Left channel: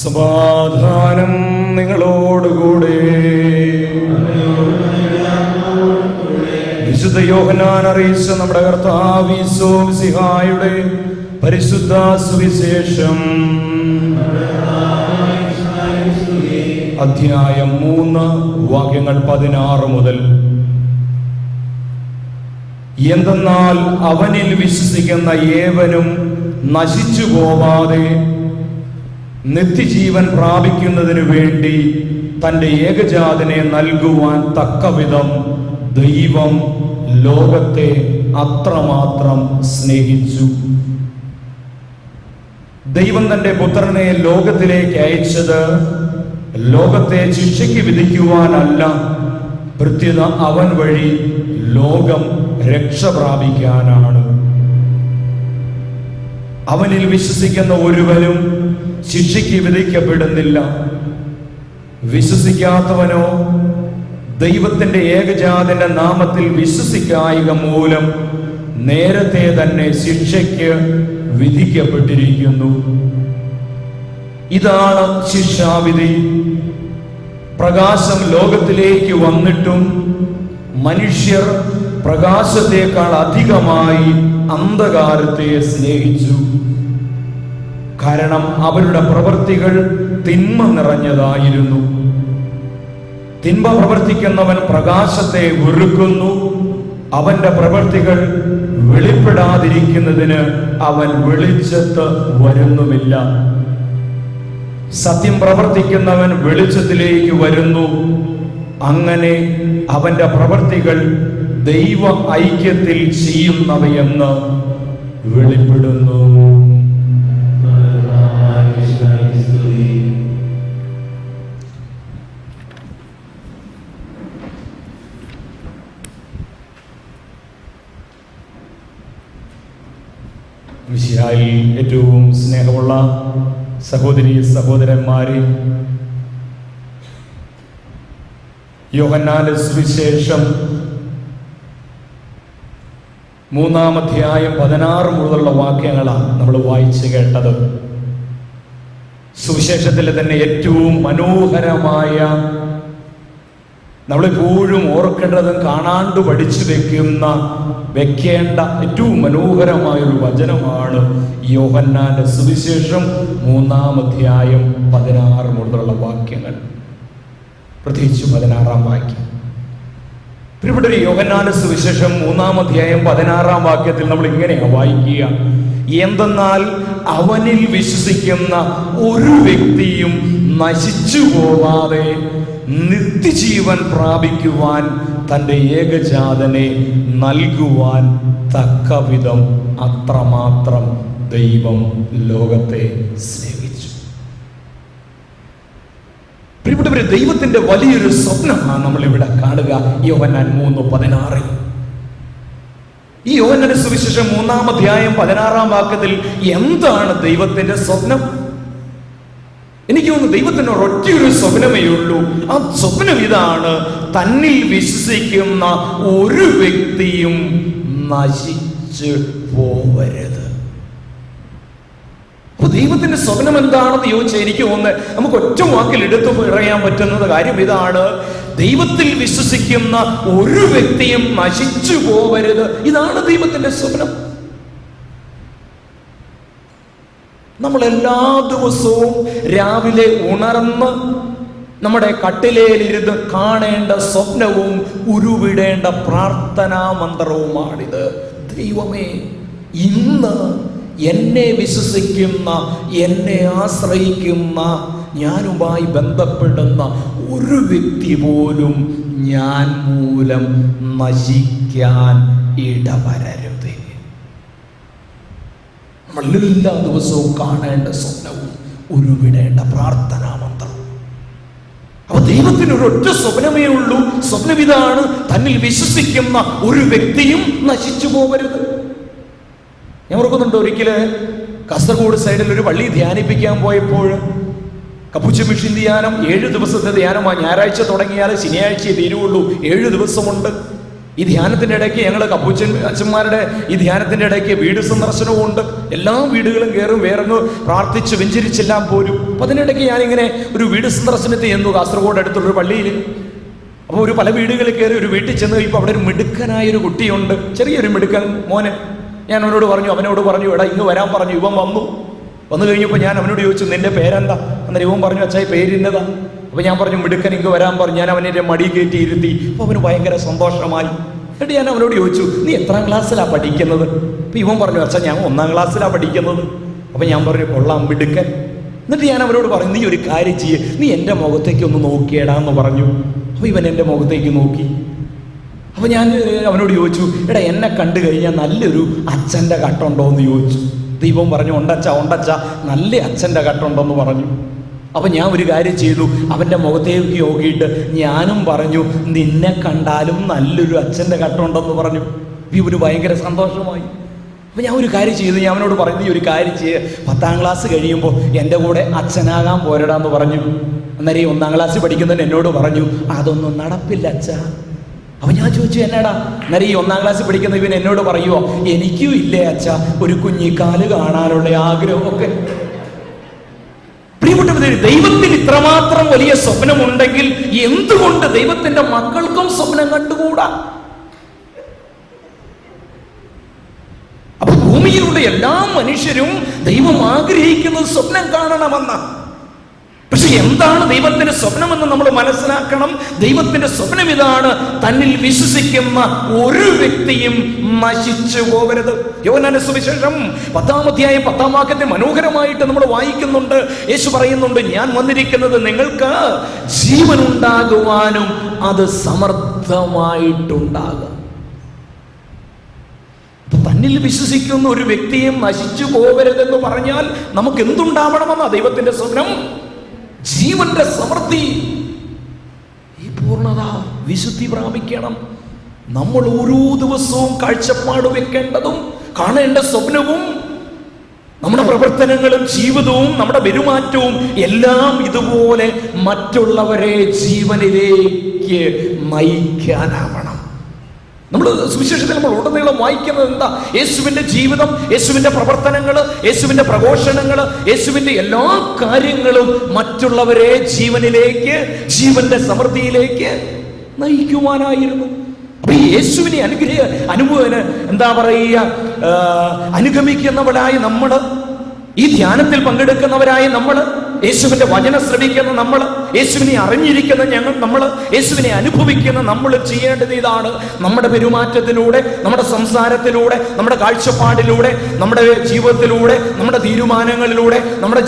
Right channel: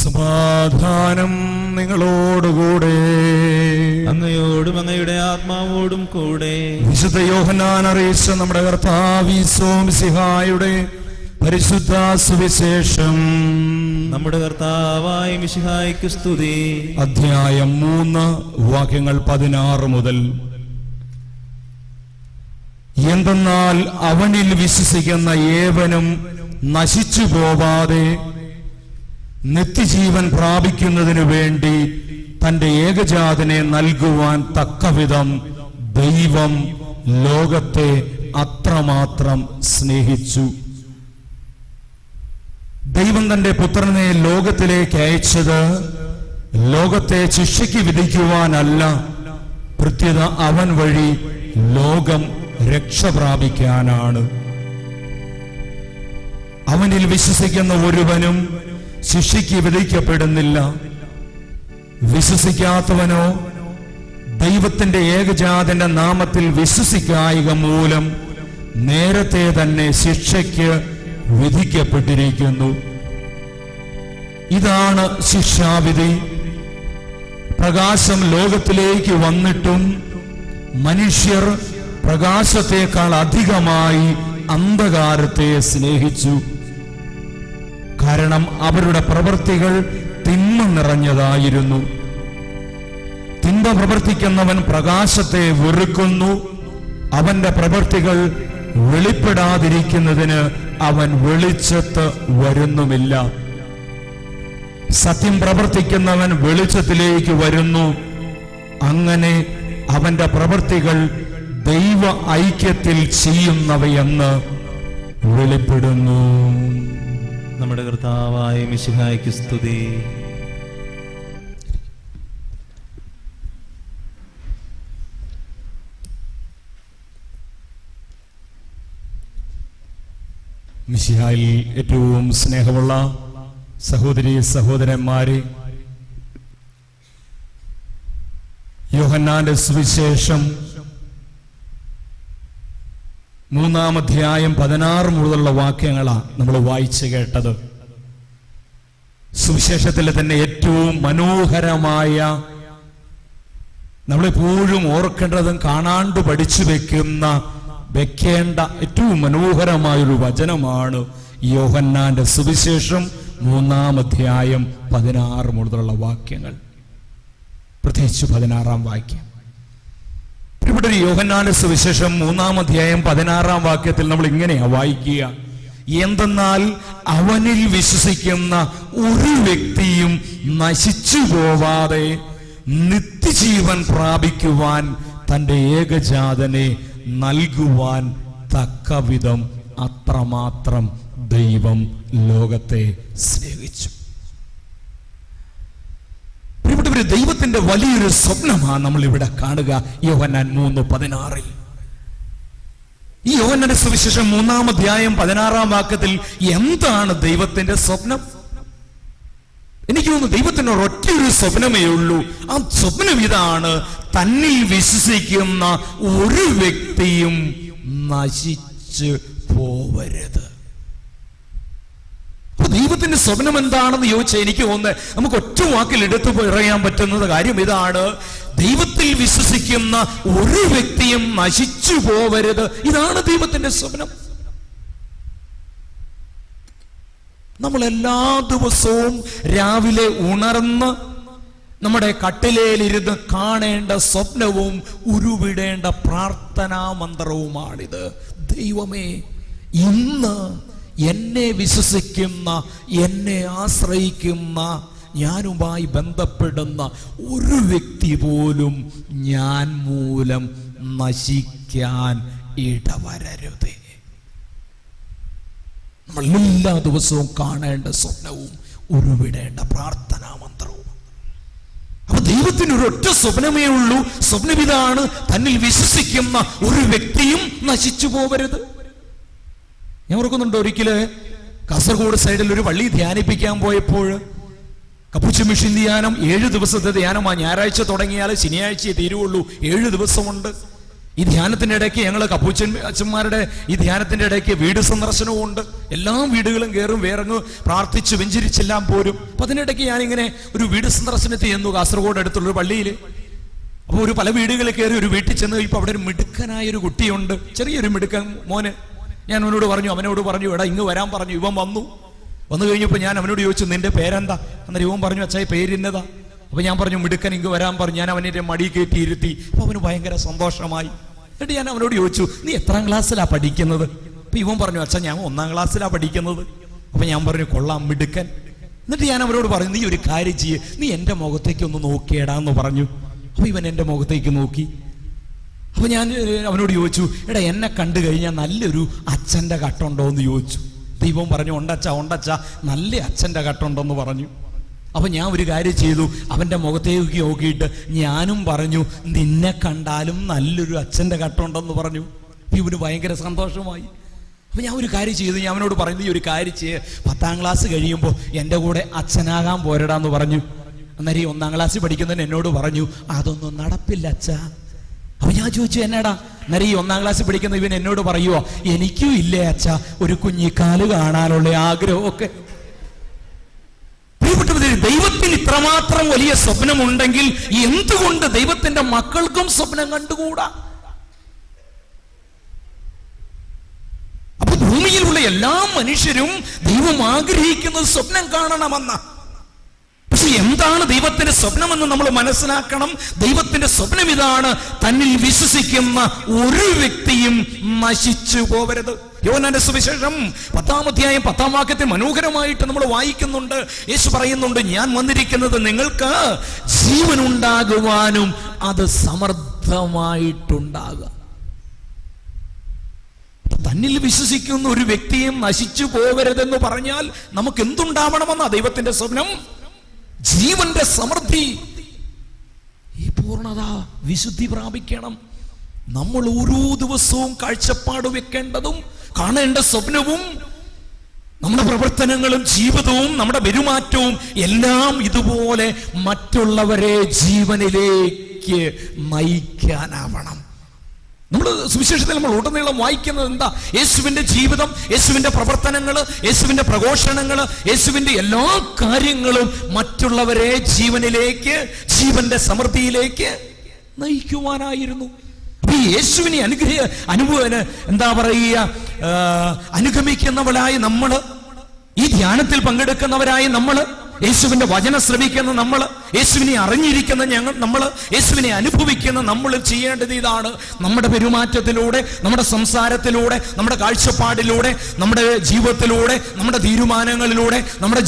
സമാധാനം നിങ്ങളോടുകൂടെ. വിശുദ്ധ യോഹന്നാൻ അറിയിച്ച നമ്മുടെ കർത്താവ് ഈശോ മിശിഹായുടെ പരിശുദ്ധ സുവിശേഷം അധ്യായം 3 വാക്യങ്ങൾ 16 മുതൽ. എന്തെന്നാൽ അവനിൽ വിശ്വസിക്കുന്ന ഏവനും നശിച്ചു പോവാതെ നിത്യജീവൻ പ്രാപിക്കുന്നതിനു വേണ്ടി തന്റെ ഏകജാതനെ നൽകുവാൻ തക്കവിധം ദൈവം ലോകത്തെ അത്രമാത്രം സ്നേഹിച്ചു. ദൈവം തന്റെ പുത്രനെ ലോകത്തിലേക്ക് അയച്ചത് ലോകത്തെ ശിക്ഷയ്ക്ക് വിധിക്കുവാനല്ല, പ്രത്യുത അവൻ വഴി ലോകം രക്ഷ പ്രാപിക്കാനാണ്. അവനിൽ വിശ്വസിക്കുന്ന ഒരുവനും ശിക്ഷയ്ക്ക് വിധിക്കപ്പെടുന്നില്ല. വിശ്വസിക്കാത്തവനോ ദൈവത്തിന്റെ ഏകജാതന്റെ നാമത്തിൽ വിശ്വസിക്കായിക മൂലം നേരത്തെ തന്നെ ശിക്ഷയ്ക്ക് വിധിക്കപ്പെട്ടിരിക്കുന്നു. ഇതാണ് ശിക്ഷാവിധി. പ്രകാശം ലോകത്തിലേക്ക് വന്നിട്ടും മനുഷ്യർ പ്രകാശത്തേക്കാൾ അധികമായി അന്ധകാരത്തെ സ്നേഹിച്ചു. കാരണം അവരുടെ പ്രവൃത്തികൾ തിന്മ നിറഞ്ഞതായിരുന്നു. തിന്മ പ്രവർത്തിക്കുന്നവൻ പ്രകാശത്തെ വെറുക്കുന്നു. അവന്റെ പ്രവൃത്തികൾ വെളിപ്പെടാതിരിക്കുന്നതിന് അവൻ വെളിച്ചത്ത് വരുന്നുമില്ല. സത്യം പ്രവർത്തിക്കുന്നവൻ വെളിച്ചത്തിലേക്ക് വരുന്നു. അങ്ങനെ അവന്റെ പ്രവൃത്തികൾ ദൈവ ഐക്യത്തിൽ ചെയ്യുന്നവയെന്ന് വെളിപ്പെടുന്നു. നമ്മുടെ കർത്താവായ മിശിഹായ്ക്ക് സ്തുതി. മിശിഹായിൽ ഏറ്റവും സ്നേഹമുള്ള സഹോദരി സഹോദരന്മാരെ, യോഹന്നാന്റെ സുവിശേഷം 3-ാം അധ്യായം 16 മുതലുള്ള വാക്യങ്ങളാണ് നമ്മൾ വായിച്ചു കേട്ടത്. സുവിശേഷത്തിലെ തന്നെ ഏറ്റവും മനോഹരമായ, നമ്മളെപ്പോഴും ഓർക്കേണ്ടതും കാണാണ്ട് പഠിച്ചു വെക്കേണ്ട ഏറ്റവും മനോഹരമായൊരു വചനമാണ് യോഹന്നാന്റെ സുവിശേഷം 3-ാം അധ്യായം 16 മുതലുള്ള വാക്യങ്ങൾ, പ്രത്യേകിച്ച് 16-ാം വാക്യം. ഇവിടെ യോഹന്നാന്റെ സുവിശേഷം 3-ാം അധ്യായം 16-ാം വാക്യത്തിൽ നമ്മൾ ഇങ്ങനെയാ വായിക്കുക: എന്തെന്നാൽ അവനിൽ വിശ്വസിക്കുന്ന ഒരു വ്യക്തിയും നശിച്ചു പോവാതെ നിത്യജീവൻ പ്രാപിക്കുവാൻ തന്റെ ഏകജാതനെ നൽകുവാൻ തക്കവിധം അത്രമാത്രം ദൈവം ലോകത്തെ സ്നേഹിച്ചു. പ്രിയപ്പെട്ടവരെ, ദൈവത്തിന്റെ വലിയൊരു സ്വപ്നമാണ് നമ്മൾ ഇവിടെ കാണുക. യോഹന്നാൻ 3:16. ഈ യോഹന്നാന്റെ സുവിശേഷം 3-ാം അധ്യായം 16-ാം വാക്യത്തിൽ എന്താണ് ദൈവത്തിന്റെ സ്വപ്നം? എനിക്ക് തോന്നുന്നു ദൈവത്തിന് ഒരൊറ്റയൊരു സ്വപ്നമേ ഉള്ളൂ. ആ സ്വപ്നം ഇതാണ്: തന്നിൽ വിശ്വസിക്കുന്ന ഒരു വ്യക്തിയും നശിച്ചു പോവരുത്. അപ്പൊ ദൈവത്തിന്റെ സ്വപ്നം എന്താണെന്ന് ചോദിച്ചാൽ എനിക്ക് തോന്നുന്നത് നമുക്ക് ഒറ്റ വാക്കിൽ എടുത്തു പറയാൻ പറ്റുന്നത് കാര്യം ഇതാണ്: ദൈവത്തിൽ വിശ്വസിക്കുന്ന ഒരു വ്യക്തിയും നശിച്ചു പോവരുത്. ഇതാണ് ദൈവത്തിന്റെ സ്വപ്നം. നമ്മൾ എല്ലാ ദിവസവും രാവിലെ ഉണർന്ന് നമ്മുടെ കട്ടിലേലിരുന്ന് കാണേണ്ട സ്വപ്നവും ഉരുവിടേണ്ട പ്രാർത്ഥനാ മന്ത്രവുമാണിത്. ദൈവമേ, ഇന്ന് എന്നെ വിശ്വസിക്കുന്ന, എന്നെ ആശ്രയിക്കുന്ന, ഞാനുമായി ബന്ധപ്പെടുന്ന ഒരു വ്യക്തി പോലും ഞാൻ മൂലം നശിക്കാൻ ഇടവരരുത്. എല്ലാ ദിവസവും കാണേണ്ട സ്വപ്നവും ഉരുവിടേണ്ട പ്രാർത്ഥനാ മന്ത്രവും. അപ്പൊ ദൈവത്തിന് ഒരൊറ്റ സ്വപ്നമേ ഉള്ളൂ. സ്വപ്നം ഇതാണ്: തന്നിൽ വിശ്വസിക്കുന്ന ഒരു വ്യക്തിയും നശിച്ചു പോകരുത്. ഞാൻ ഓർക്കുന്നുണ്ട്, ഒരിക്കല് കാസർഗോഡ് സൈഡിൽ ഒരു പള്ളി ധ്യാനിപ്പിക്കാൻ പോയപ്പോൾ കപ്പുച്ച മിഷൻ ധ്യാനം 7 ദിവസത്തെ ധ്യാനമാണ്. ഞായറാഴ്ച തുടങ്ങിയാൽ ശനിയാഴ്ചയെ തീരുള്ളൂ. 7 ദിവസമുണ്ട്. ഈ ധ്യാനത്തിൻ്റെ ഇടയ്ക്ക് ഞങ്ങൾ കപ്പൂച്ചൻ അച്ഛന്മാരുടെ ഈ ധ്യാനത്തിൻ്റെ ഇടയ്ക്ക് വീട് സന്ദർശനവും ഉണ്ട്. എല്ലാ വീടുകളും കയറും, വേറങ്ങ് പ്രാർത്ഥിച്ച് വെഞ്ചരിച്ചെല്ലാം പോരും. അപ്പം അതിനിടയ്ക്ക് ഞാനിങ്ങനെ ഒരു വീട് സന്ദർശനത്തിൽ ചെന്നു, കാസർഗോഡ് അടുത്തുള്ളൊരു പള്ളിയിൽ. അപ്പോൾ ഒരു പല വീടുകളിൽ കയറി ഒരു വീട്ടിൽ ചെന്ന് കഴിയുമ്പോൾ അവിടെ ഒരു മിടുക്കനായൊരു കുട്ടിയുണ്ട്, ചെറിയൊരു മിടുക്കൻ മോന്. ഞാൻ അവനോട് പറഞ്ഞു എടാ ഇങ്ങ് വരാൻ പറഞ്ഞു. ഇവൻ വന്നു കഴിഞ്ഞപ്പോൾ ഞാൻ അവനോട് ചോദിച്ചു നിന്റെ പേരെന്താ? അന്നേരം ഇവൻ പറഞ്ഞു അച്ഛാ പേരിന്നതാ. അപ്പോൾ ഞാൻ പറഞ്ഞു മിടുക്കൻ ഇങ്ങ് വരാൻ പറഞ്ഞു. ഞാൻ അവനെ മടി കയറ്റി ഇരുത്തി. അപ്പോൾ അവന് ഭയങ്കര സന്തോഷമായി. എന്നിട്ട് ഞാൻ അവനോട് ചോദിച്ചു നീ എത്രാം ക്ലാസ്സിലാണ് പഠിക്കുന്നത്? അപ്പോൾ ഇവൻ പറഞ്ഞു അച്ഛാ ഞാൻ 1ാം ക്ലാസ്സിലാണ് പഠിക്കുന്നത്. അപ്പോൾ ഞാൻ പറഞ്ഞു കൊള്ളാം മിടുക്കൻ. എന്നിട്ട് ഞാൻ അവനോട് പറഞ്ഞു നീ ഒരു കാര്യം ചെയ്യ്, നീ എൻ്റെ മുഖത്തേക്ക് ഒന്ന് നോക്കിയേടാന്ന് പറഞ്ഞു. അപ്പോൾ ഇവൻ എൻ്റെ മുഖത്തേക്ക് നോക്കി. അപ്പോൾ ഞാൻ അവനോട് ചോദിച്ചു എടാ എന്നെ കണ്ടു കഴിഞ്ഞാൽ നല്ലൊരു അച്ഛൻ്റെ കട്ടുണ്ടോ എന്ന് ചോദിച്ചു. ദൈവം പറഞ്ഞു ഉണ്ടച്ച നല്ല അച്ഛൻ്റെ കട്ടുണ്ടെന്ന് പറഞ്ഞു. അപ്പം ഞാൻ ഒരു കാര്യം ചെയ്തു, അവൻ്റെ മുഖത്തേക്ക് നോക്കിയിട്ട് ഞാനും പറഞ്ഞു നിന്നെ കണ്ടാലും നല്ലൊരു അച്ഛൻ്റെ കട്ടുണ്ടെന്ന് പറഞ്ഞു. ഇവന് ഭയങ്കര സന്തോഷമായി. അപ്പം ഞാൻ ഒരു കാര്യം ചെയ്തു, ഞാൻ അവനോട് പറഞ്ഞു നീ ഒരു കാര്യം ചെയ്യുക, 10ാം ക്ലാസ് കഴിയുമ്പോൾ എൻ്റെ കൂടെ അച്ഛനാകാൻ പോരടാന്ന് പറഞ്ഞു. അന്നേരം 1ാം ക്ലാസ്സിൽ പഠിക്കുന്നതിന് എന്നോട് പറഞ്ഞു അതൊന്നും നടപ്പില്ല അച്ഛാ. അപ്പം ഞാൻ ചോദിച്ചു എന്നാടാ? അന്നേരം ഈ 1ാം ക്ലാസ്സിൽ പഠിക്കുന്ന ഇവൻ എന്നോട് പറയുമോ എനിക്കും ഇല്ലേ അച്ഛാ ഒരു കുഞ്ഞിക്കാല് കാണാനുള്ള ആഗ്രഹമൊക്കെ. ദൈവത്തിന് ഇത്രമാത്രം വലിയ സ്വപ്നമുണ്ടെങ്കിൽ എന്തുകൊണ്ട് ദൈവത്തിന്റെ മക്കൾക്കും സ്വപ്നം കണ്ടുകൂടാ? അപ്പൊ ഭൂമിയിലുള്ള എല്ലാ മനുഷ്യരും ദൈവം ആഗ്രഹിക്കുന്നത് സ്വപ്നം കാണണമെന്ന. പക്ഷെ എന്താണ് ദൈവത്തിന്റെ സ്വപ്നമെന്ന് നമ്മൾ മനസ്സിലാക്കണം. ദൈവത്തിന്റെ സ്വപ്നം ഇതാണ്, തന്നിൽ വിശ്വസിക്കുന്ന ഒരു വ്യക്തിയും നശിച്ചു പോകരുത്. യോഹന്നാന്റെ സുവിശേഷം 10-ാം അധ്യായം 10-ാം വാക്യത്തിൽ മനോഹരമായിട്ട് നമ്മൾ വായിക്കുന്നുണ്ട്. യേശു പറയുന്നുണ്ട് ഞാൻ വന്നിരിക്കുന്നത് നിങ്ങൾക്ക് ജീവൻ ഉണ്ടാകുവാനും അത് സമർത്ഥമായിട്ടുണ്ടാകുക. തന്നിൽ വിശ്വസിക്കുന്ന ഒരു വ്യക്തിയും നശിച്ചു പോകരുതെന്ന് പറഞ്ഞാൽ നമുക്ക് എന്തുണ്ടാവണമെന്നാ ദൈവത്തിന്റെ സ്വപ്നം? ജീവന്റെ സമൃദ്ധി, ഈ പൂർണ്ണത, വിശുദ്ധി പ്രാപിക്കണം. നമ്മൾ ഓരോ ദിവസവും കാഴ്ചപ്പാട് വെക്കേണ്ടതും കാണേണ്ട സ്വപ്നവും നമ്മുടെ പ്രവർത്തനങ്ങളും ജീവിതവും നമ്മുടെ പെരുമാറ്റവും എല്ലാം ഇതുപോലെ മറ്റുള്ളവരെ ജീവനിലേക്ക് നയിക്കാനാവണം. നമ്മൾ സുവിശേഷത്തിൽ നമ്മൾ ഉടനീളം വായിക്കുന്നത് എന്താ? യേശുവിന്റെ ജീവിതം, യേശുവിന്റെ പ്രവർത്തനങ്ങൾ, യേശുവിന്റെ പ്രഘോഷണങ്ങൾ, യേശുവിന്റെ എല്ലാ കാര്യങ്ങളും മറ്റുള്ളവരെ ജീവനിലേക്ക്, ജീവന്റെ സമൃദ്ധിയിലേക്ക് നയിക്കുവാനായിരുന്നു. അപ്പൊ ഈ യേശുവിനെ എന്താ പറയുക, അനുഗമിക്കുന്നവരായി നമ്മള്, ഈ ധ്യാനത്തിൽ പങ്കെടുക്കുന്നവരായി നമ്മള്, യേശുവിന്റെ വചനം ശ്രമിക്കുന്ന നമ്മൾ, യേശുവിനെ അറിഞ്ഞിരിക്കുന്ന നമ്മൾ, യേശുവിനെ അനുഭവിക്കുന്ന നമ്മൾ ചെയ്യേണ്ടത് ഇതാണ്. നമ്മുടെ പെരുമാറ്റത്തിലൂടെ, നമ്മുടെ സംസാരത്തിലൂടെ, നമ്മുടെ കാഴ്ചപ്പാടിലൂടെ, നമ്മുടെ ജീവിതത്തിലൂടെ, നമ്മുടെ തീരുമാനങ്ങളിലൂടെ, നമ്മുടെ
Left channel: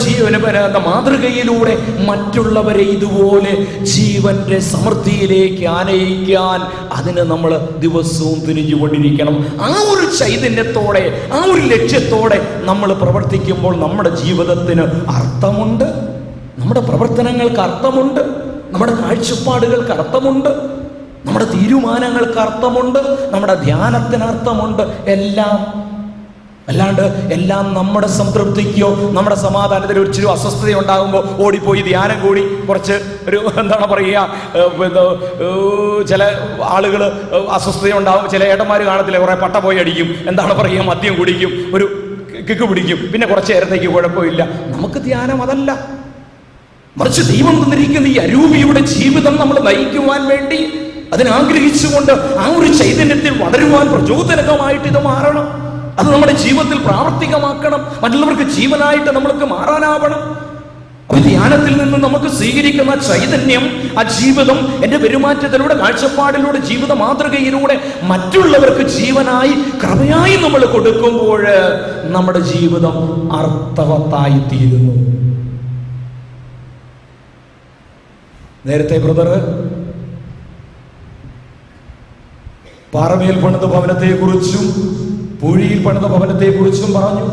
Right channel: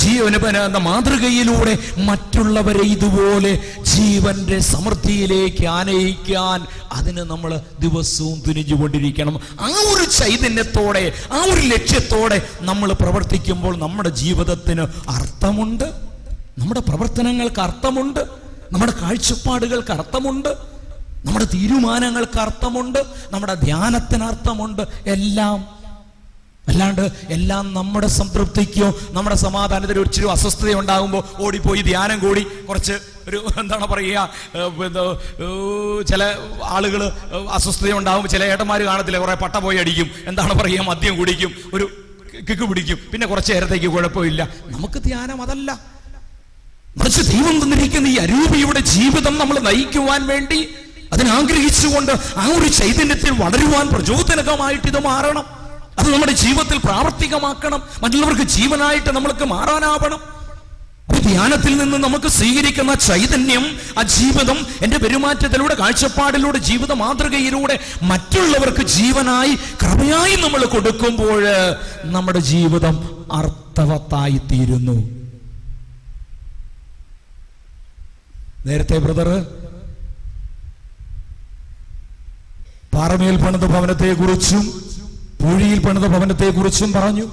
മാതൃകയിലൂടെ മറ്റുള്ളവരെ ഇതുപോലെ ജീവന്റെ സമൃദ്ധിയിലേക്ക് ആനയിക്കാൻ അതിന് നമ്മൾ ദിവസവും തിരിഞ്ഞുകൊണ്ടിരിക്കണം. ആ ഒരു ചൈതന്യത്തോടെ, ആ ഒരു ലക്ഷ്യത്തോടെ നമ്മൾ പ്രവർത്തിക്കുമ്പോൾ നമ്മുടെ ജീവിതത്തിന് അർത്ഥമുണ്ട്, നമ്മുടെ പ്രവർത്തനങ്ങൾക്ക് അർത്ഥമുണ്ട്, നമ്മുടെ കാഴ്ചപ്പാടുകൾക്ക് അർത്ഥമുണ്ട്, നമ്മുടെ തീരുമാനങ്ങൾക്ക് അർത്ഥമുണ്ട്, നമ്മുടെ ധ്യാനത്തിന് അർത്ഥമുണ്ട്. അല്ലാണ്ട് എല്ലാം നമ്മുടെ സംതൃപ്തിക്കോ നമ്മുടെ സമാധാനത്തിന് ഒരു അസ്വസ്ഥത ഉണ്ടാകുമ്പോൾ ഓടിപ്പോയി ധ്യാനം കൂടി കുറച്ച് ഒരു എന്താണ് പറയുക, ചില ആളുകൾ അസ്വസ്ഥത ഉണ്ടാകും. ചില ഏട്ടന്മാർ കാണത്തില്ല, കുറെ പട്ട പോയി അടിക്കും, എന്താണ് പറയുക, മദ്യം കുടിക്കും, ഒരു കിക്ക് പിടിക്കും, പിന്നെ കുറച്ച് നേരത്തേക്ക് കുഴപ്പമില്ല. നമുക്ക് ധ്യാനം അതല്ല. മറിച്ച് ദൈവം തന്നിരിക്കുന്ന ഈ അരൂപിയുടെ ജീവിതം നമ്മൾ നയിക്കുവാൻ വേണ്ടി അതിനാഗ്രഹിച്ചുകൊണ്ട് ആ ഒരു ചൈതന്യത്തിൽ വളരുവാൻ പ്രചോദനകമായിട്ട് ഇത് മാറണം. അത് നമ്മുടെ ജീവിതത്തിൽ പ്രാവർത്തികമാക്കണം. മറ്റുള്ളവർക്ക് ജീവനായിട്ട് നമ്മൾക്ക് മാറാനാവണം. ധ്യാനത്തിൽ നിന്ന് നമുക്ക് സ്വീകരിക്കുന്ന ചൈതന്യം, ആ ജീവിതം എൻ്റെ പെരുമാറ്റത്തിലൂടെ, കാഴ്ചപ്പാടിലൂടെ, ജീവിത മാതൃകയിലൂടെ മറ്റുള്ളവർക്ക് ജീവനായി, കൃപയായി നമ്മൾ കൊടുക്കുമ്പോൾ നമ്മുടെ ജീവിതം അർത്ഥവത്തായി തീരുന്നു. നേരത്തെ ബ്രദർ പാറമേൽ പണിത ഭവനത്തെക്കുറിച്ചും പൂഴിയിൽ പണിത ഭവനത്തെക്കുറിച്ചും പറഞ്ഞു.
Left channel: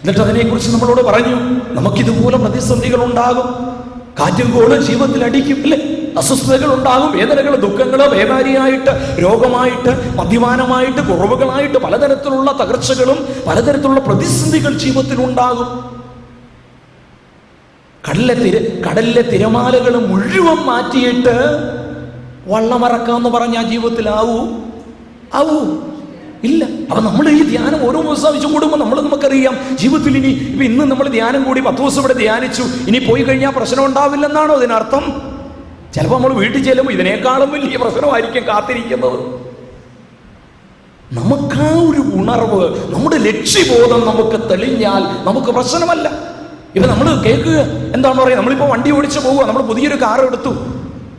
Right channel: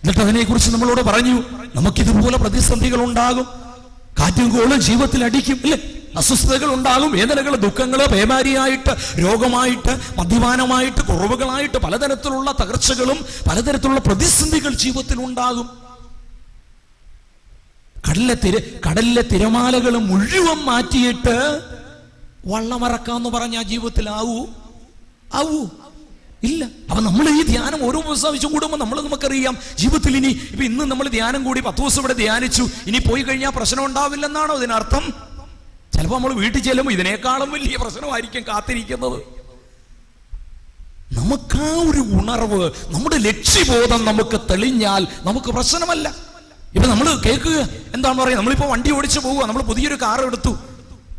എന്നിട്ട് അതിനെക്കുറിച്ച് നമ്മളോട് പറഞ്ഞു, നമുക്കിതുപോലെ പ്രതിസന്ധികൾ ഉണ്ടാകും, കാറ്റും കോളും ജീവിതത്തിൽ അടിക്കും, ഇല്ലേ? അസ്വസ്ഥതകൾ ഉണ്ടാകും, വേദനകൾ, ദുഃഖങ്ങൾ, വ്യാപാരിയായിട്ട്, രോഗമായിട്ട്, മദ്യപാനമായിട്ട്, കുറവുകളായിട്ട്, പലതരത്തിലുള്ള തകർച്ചകളും പലതരത്തിലുള്ള പ്രതിസന്ധികൾ ജീവിതത്തിൽ ഉണ്ടാകും. കടലിലെ തിരമാലകൾ മുഴുവൻ മാറ്റിയിട്ട് വള്ളമിറക്കാമെന്ന് പറഞ്ഞ ആ ജീവിതത്തിലാവൂ? ആവൂ? ഇല്ല. അപ്പൊ നമ്മൾ ഈ ധ്യാനം ഓരോ ദിവസം ആവശ്യം കൂടുമ്പോൾ നമുക്കറിയാം ജീവിതത്തിൽ ഇപ്പൊ ഇന്ന് നമ്മൾ ധ്യാനം കൂടി 10 ദിവസം ഇവിടെ ധ്യാനിച്ചു, ഇനി പോയി കഴിഞ്ഞാൽ പ്രശ്നം ഉണ്ടാവില്ലെന്നാണോ ഇതിനർത്ഥം? ചിലപ്പോൾ നമ്മൾ വീട്ടിൽ ചെല്ലുമ്പോൾ ഇതിനേക്കാളും വലിയ പ്രശ്നമായിരിക്കും കാത്തിരിക്കുന്നത്. നമുക്ക് ആ ഒരു ഉണർവ്, നമ്മുടെ ലക്ഷ്യബോധം നമുക്ക് തെളിഞ്ഞാൽ നമുക്ക് പ്രശ്നമല്ല. ഇപ്പൊ നമ്മൾ കേൾക്കുക എന്താണ് പറയുക, നമ്മളിപ്പോ വണ്ടി ഓടിച്ച് പോവുക, നമ്മൾ പുതിയൊരു കാർ എടുത്തു,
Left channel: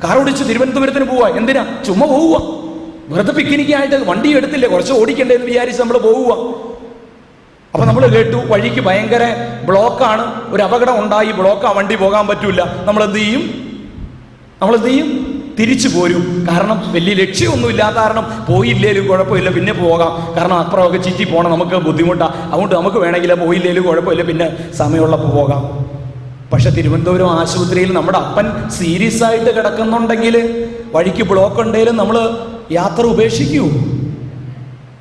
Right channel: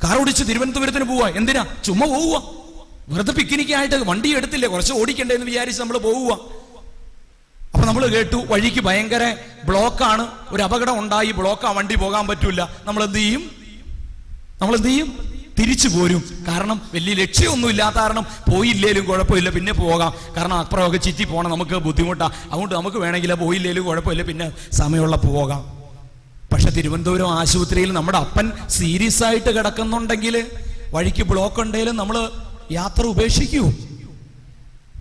കാർ ഓടിച്ച് തിരുവനന്തപുരത്തിന് പോവുക. എന്തിനാ? ചുമ്മാ പോവുക, വെറുതെ പിക്നിക്കായിട്ട്. വണ്ടി എടുത്തില്ലേ, കുറച്ച് ഓടിക്കണ്ടേന്ന് വിചാരിച്ച് നമ്മൾ പോവുക. അപ്പൊ നമ്മൾ കേട്ടു വഴിക്ക് ഭയങ്കര ബ്ലോക്കാണ്, ഒരു അപകടം ഉണ്ടായി, ബ്ലോക്കാ, വണ്ടി പോകാൻ പറ്റൂല. നമ്മൾ എന്ത് ചെയ്യും? തിരിച്ചു പോരും. കാരണം വലിയ ലക്ഷ്യമൊന്നും ഇല്ലാത്ത കാരണം പോയില്ലേലും കുഴപ്പമില്ല, പിന്നെ പോകാം. കാരണം അപ്പുറമൊക്കെ ചുറ്റി പോകണം, നമുക്ക് ബുദ്ധിമുട്ടാണ്. അതുകൊണ്ട് നമുക്ക് വേണമെങ്കിൽ പോയില്ലേലും കുഴപ്പമില്ല, പിന്നെ സമയമുള്ളപ്പോൾ പോകാം. പക്ഷെ തിരുവനന്തപുരം ആശുപത്രിയിൽ നമ്മുടെ അപ്പൻ സീരിയസ് ആയിട്ട് കിടക്കുന്നുണ്ടെങ്കിൽ, വഴിക്ക് ബ്ലോക്ക് ഉണ്ടെങ്കിലും നമ്മൾ യാത്ര ഉപേക്ഷിക്കൂ?